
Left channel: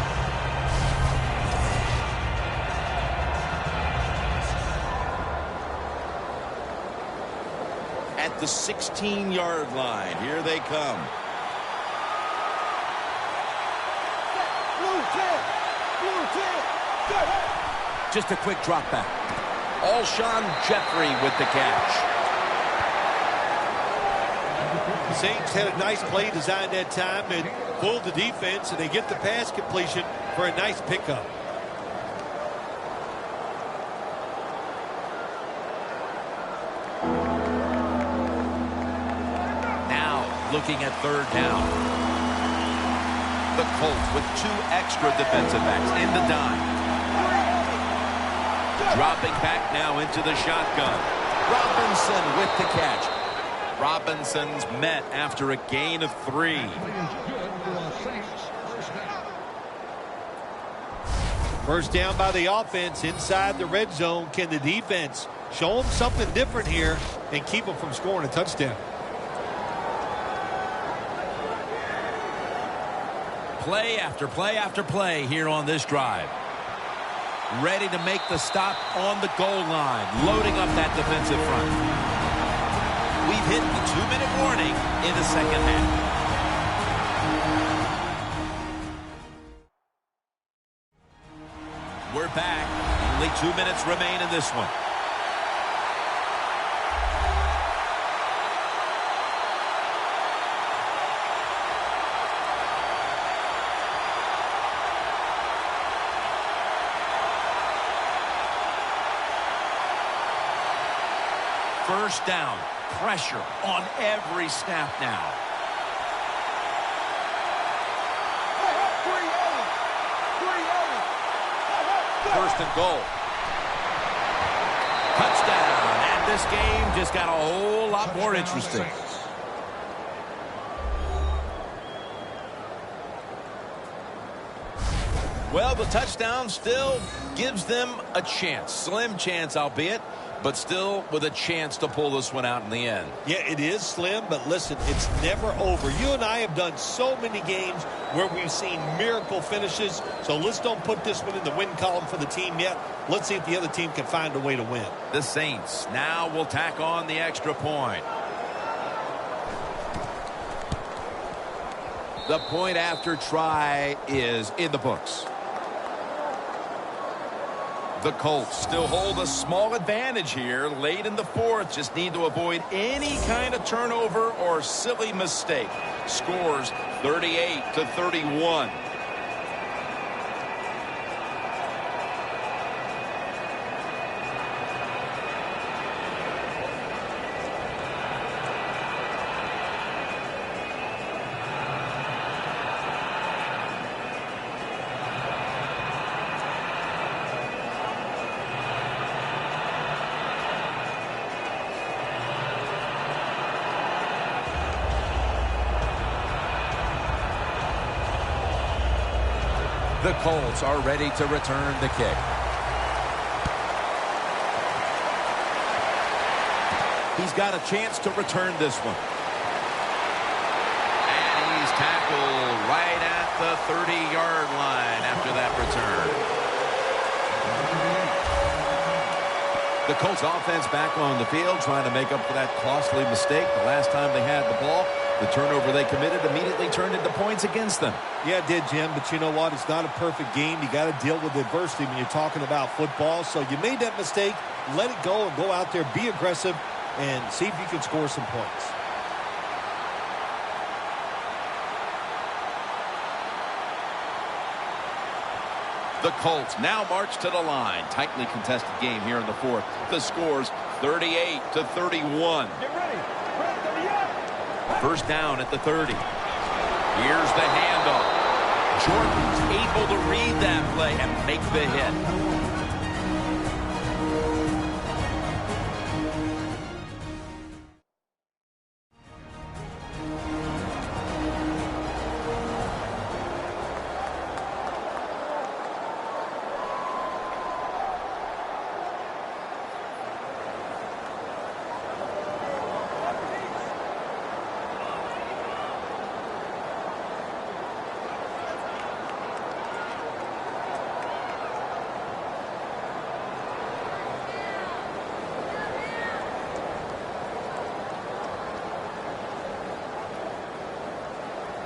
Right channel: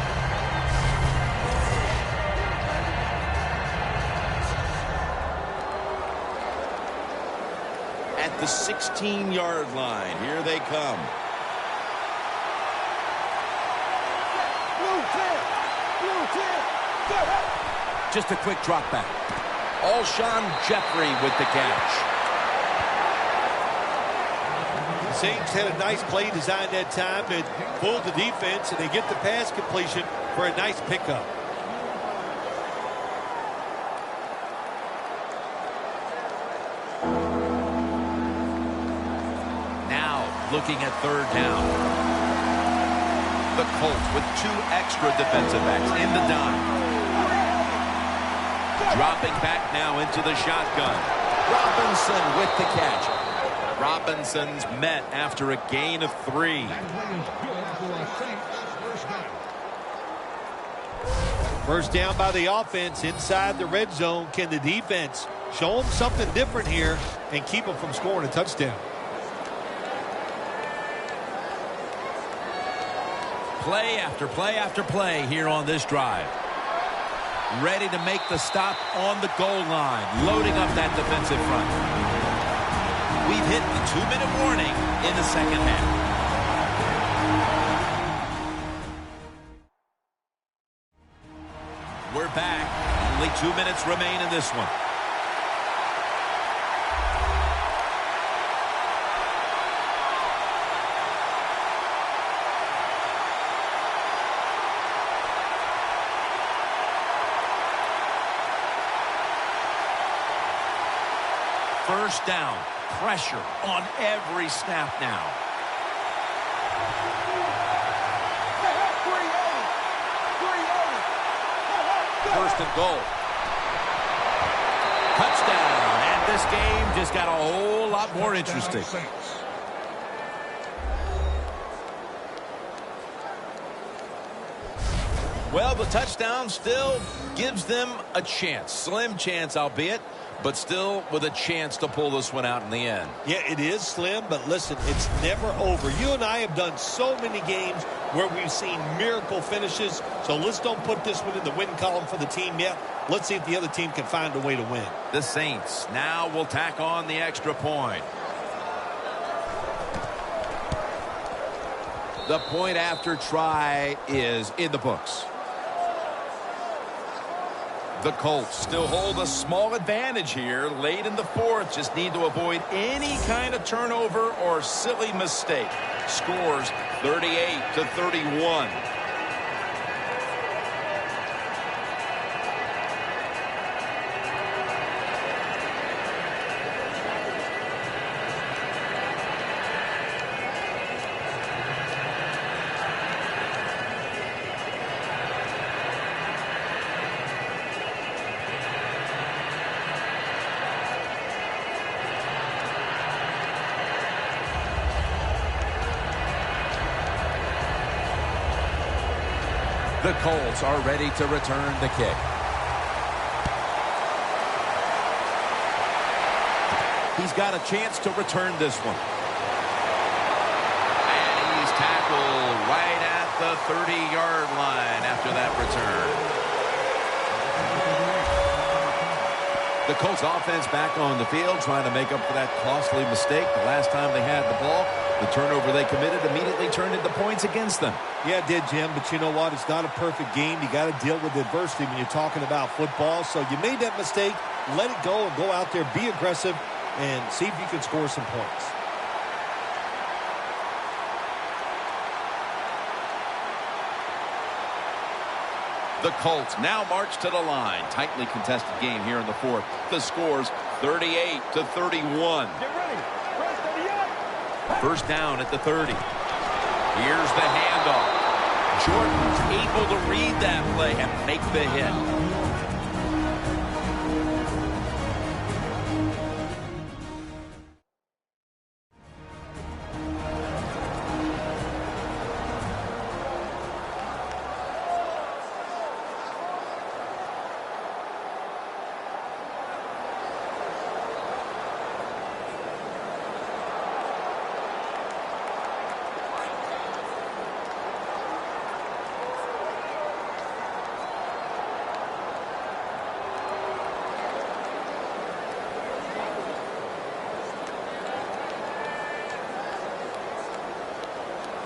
At the 16-yard line, here they come. Just a quick drop back. Alshon Jeffrey with the catch. The Saints had a nice play design that time and fooled the defense, and they get the pass completion for a nice pickup. Looking at 3rd down. The Colts with 2 extra defensive backs in the dime. Dropping back now into the shotgun. Robinson with the catch. Robinson's met after a gain of 3. First down by the offense inside the red zone. Can the defense show them something different here and keep them from scoring a touchdown? Play after play after play here on this drive. Ready to make the stop on the goal line. Loading up that defensive front. We've hit the 2-minute warning in the 2nd half. We're back. Only 2 minutes remain in this one. First down, pressure on every snap now. First and goal. Touchdown, and this game just got a whole lot more interesting. Well, the touchdown still gives them a chance. Slim chance, albeit, but still with a chance to pull this one out in the end. Yeah, it is slim, but listen, it's never over. You and I have done so many games where we've seen miracle finishes, so let's don't put this one in the win column for the team yet. Let's see if the other team can find a way to win. The Saints now will tack on the extra point. The point after try is in the books. The Colts still hold a small advantage here late in the 4th. Just need to avoid any kind of turnover or silly mistake. Scores 38-31. The Colts are ready to return the kick. He's got a chance to return this one. And he's tackled right at the 30-yard line after that return. The Colts offense back on the field trying to make up for that costly mistake. The last time they had the ball, the turnover they committed immediately turned into points against them. Yeah, it did, Jim, but you know what? It's not a perfect game. You got to deal with adversity when you're talking about football. So you made that mistake, let it go, and go out there, be aggressive, and see if you can score some points. The Colts now march to the line. Tightly contested game here in the fourth. The score's 38-31. Get ready. Red 38. First down at the 30. Here's the handoff. Jordan's able to read that play and make the hit.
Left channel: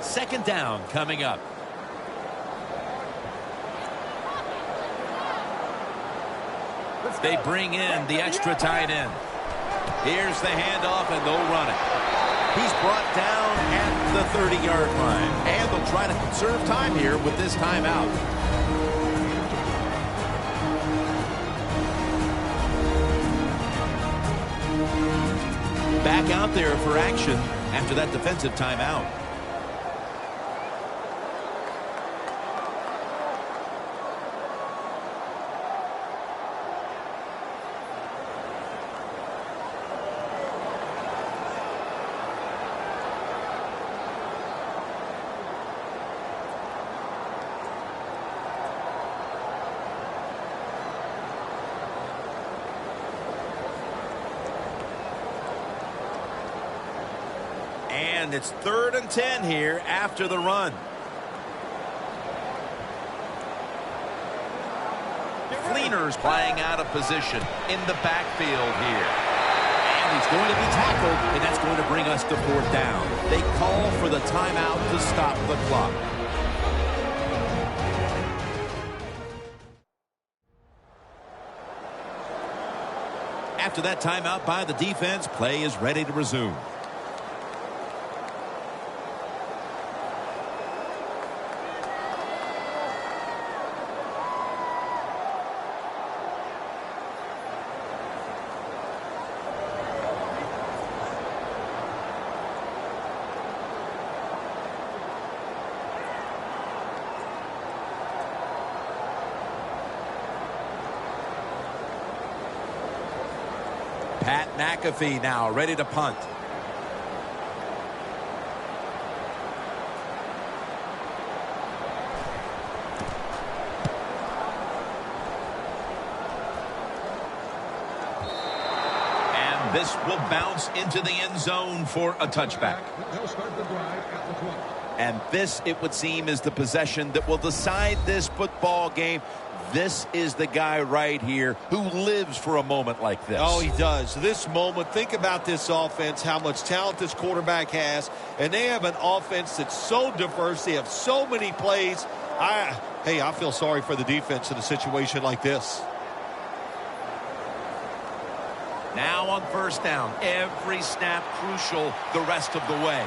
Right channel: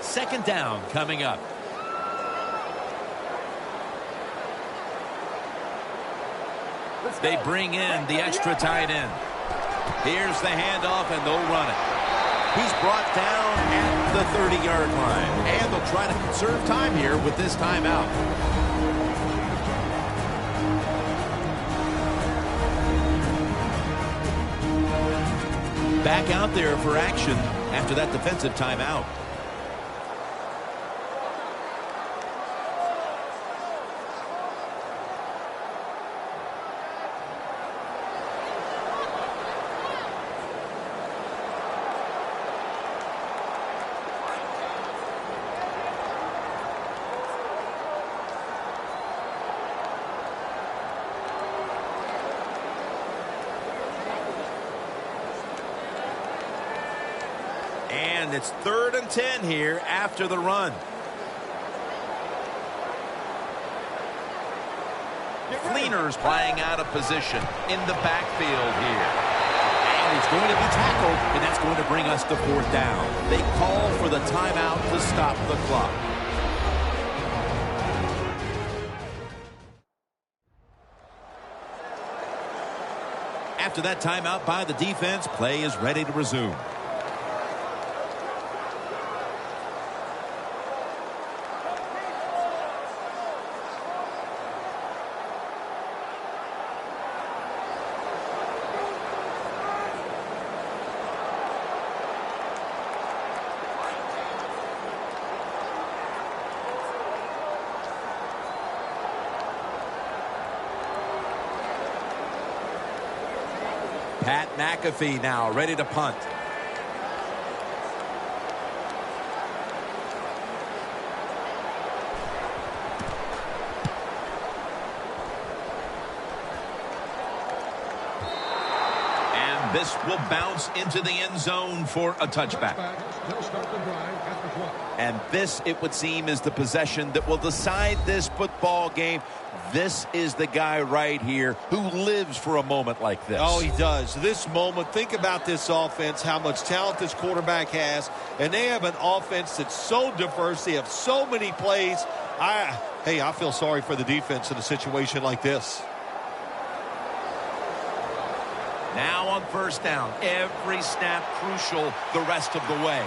Second down coming up. They bring in the extra tight end. Here's the handoff, and they'll run it. He's brought down at the 30-yard line. And they'll try to conserve time here with this timeout. Back out there for action after that defensive timeout. And it's 3rd and 10 here after the run. Fleener's playing out of position in the backfield here. And he's going to be tackled, and that's going to bring us to 4th down. They call for the timeout to stop the clock. After that timeout by the defense, play is ready to resume. Pat McAfee now ready to punt. And this will bounce into the end zone for a touchback. And this, it would seem, is the possession that will decide this football game. This is the guy right here who lives for a moment like this. Oh, he does. This moment, think about this offense, how much talent this quarterback has. And they have an offense that's so diverse. They have so many plays. I feel sorry for the defense in a situation like this. Now on first down, every snap crucial the rest of the way.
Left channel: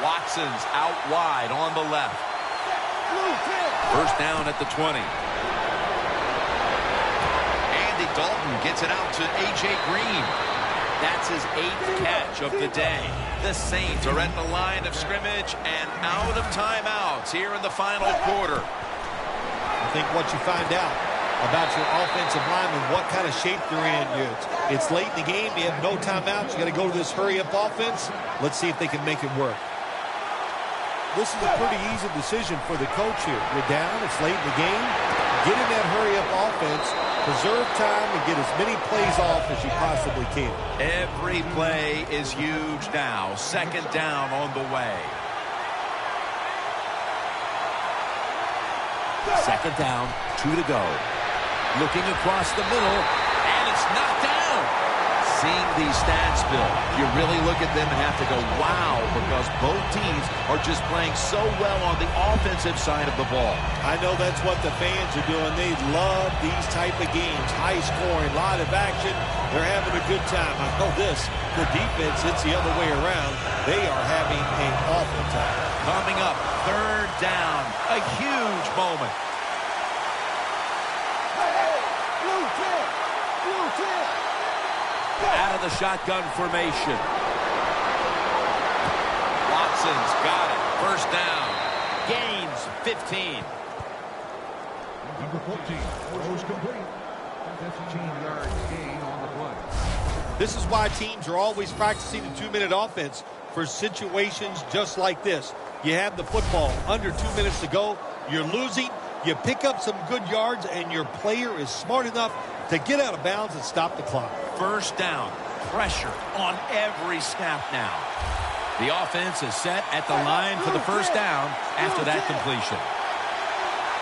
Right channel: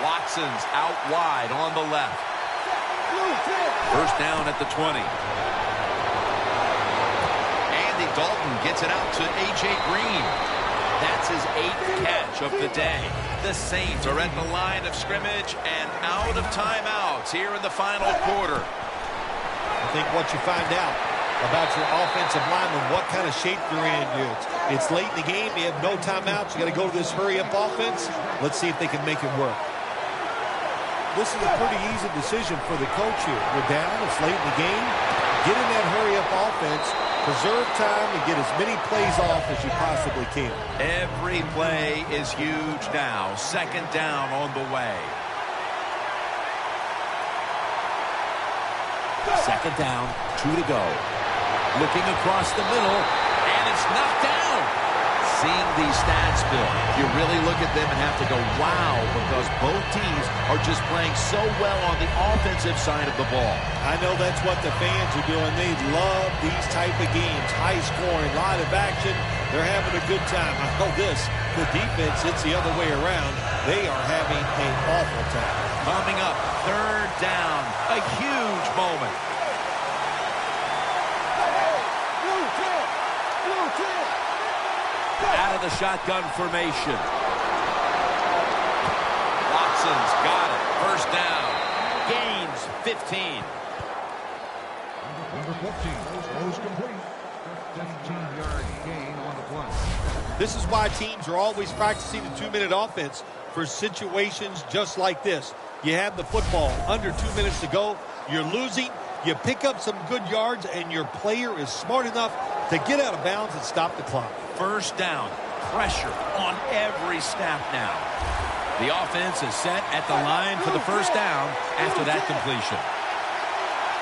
Watson's out wide on the left. First down at the 20. Andy Dalton gets it out to A.J. Green. That's his 8th catch of the day. The Saints are at the line of scrimmage and out of timeouts here in the final quarter. I think what you find out about your offensive linemen, what kind of shape they're in. It's late in the game. You have no timeouts. You got to go to this hurry-up offense. Let's see if they can make it work. this is a pretty easy decision for the coach here. You're down. It's late in the game. Get in that hurry-up offense. Preserve time and get as many plays off as you possibly can. Every play is huge now. Second down on the way. Second down, 2 to go. Looking across the middle, and it's knocked down. Seeing these stats, Bill, you really look at them and have to go, wow, because both teams are just playing so well on the offensive side of the ball. I know that's what the fans are doing. They love these type of games. High scoring, lot of action. They're having a good time. I know this. The defense, it's the other way around. They are having an awful time. Coming up, third down. A huge moment. Blue 10. Blue 10. Out of the shotgun formation. Watson's got it. First down. Gains 15. This is why teams are always practicing the 2-minute offense for situations just like this. You have the football under 2 minutes to go. You're losing. You pick up some good yards, and your player is smart enough to get out of bounds and stop the clock. First down. Pressure on every snap now. The offense is set at the line for the first down after that completion.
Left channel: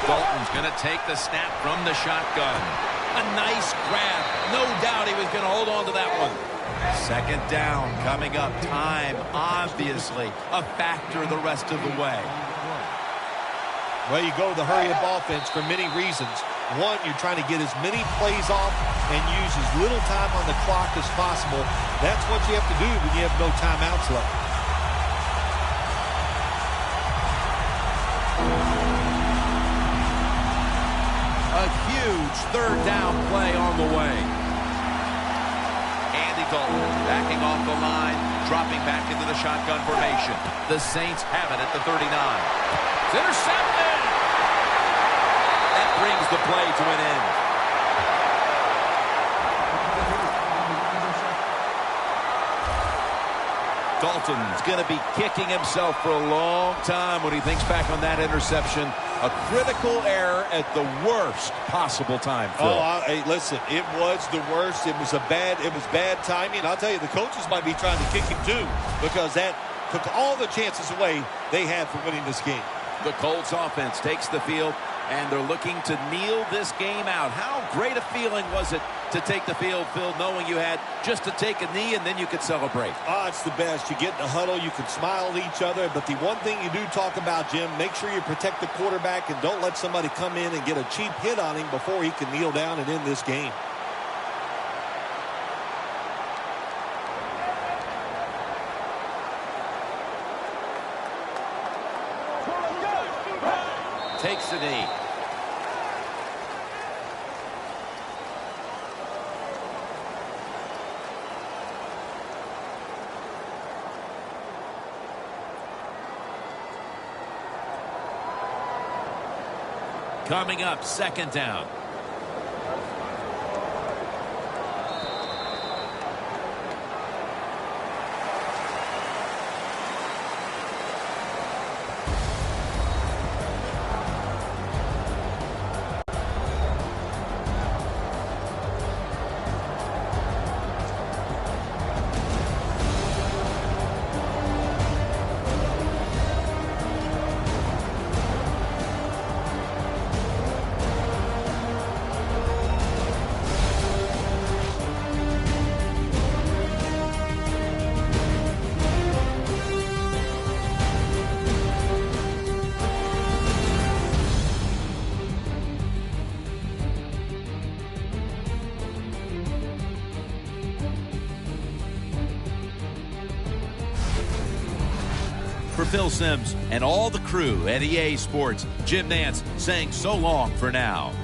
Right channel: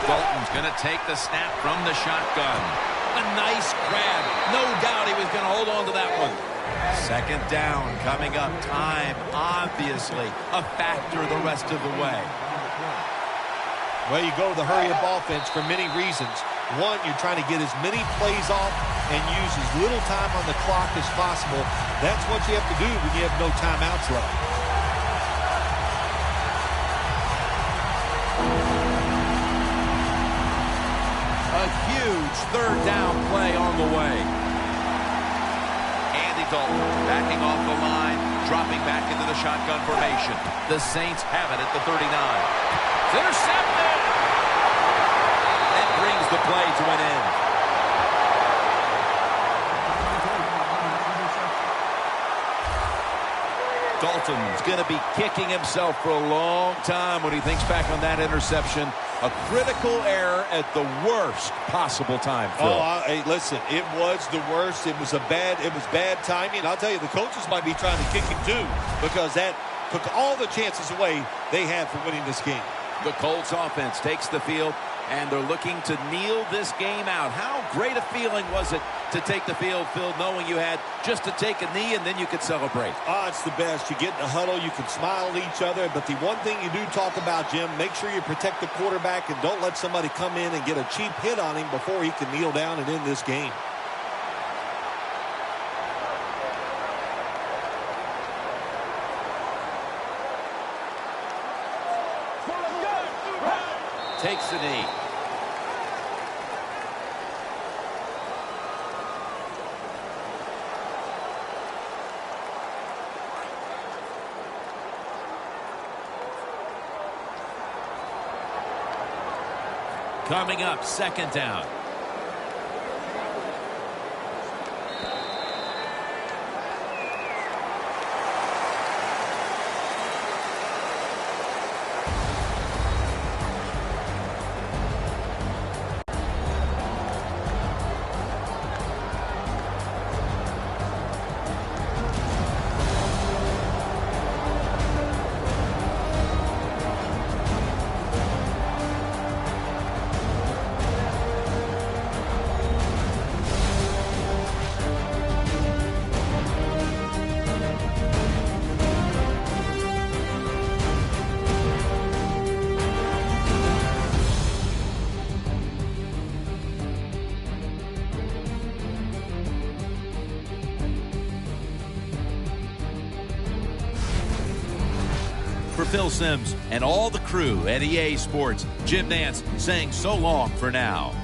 Dalton's going to take the snap from the shotgun. A nice grab. No doubt he was going to hold on to that one. Second down coming up. Time, obviously, a factor the rest of the way. Well, you go to the hurry-up offense for many reasons. One, you're trying to get as many plays off and use as little time on the clock as possible. That's what you have to do when you have no timeouts left. A huge third down play on the way. Andy Dalton backing off the line, dropping back into the shotgun formation. The Saints have it at the 39. It's intercepted. That brings the play to an end. Dalton's going to be kicking himself for a long time when he thinks back on that interception. A critical error at the worst possible time, Phil. Hey, listen, it was the worst. It was bad timing. I'll tell you, the coaches might be trying to kick him too, because that took all the chances away they had for winning this game. The Colts offense takes the field, and they're looking to kneel this game out. How great a feeling was it to take the field, Phil, knowing you had just to take a knee and then you could celebrate? It's the best. You get in the huddle, you can smile at each other, but the one thing you do talk about, Jim, make sure you protect the quarterback and don't let somebody come in and get a cheap hit on him before he can kneel down and end this game. Takes the knee. Coming up, second down. For Phil Simms and all the crew at EA Sports, Jim Nantz saying so long for now.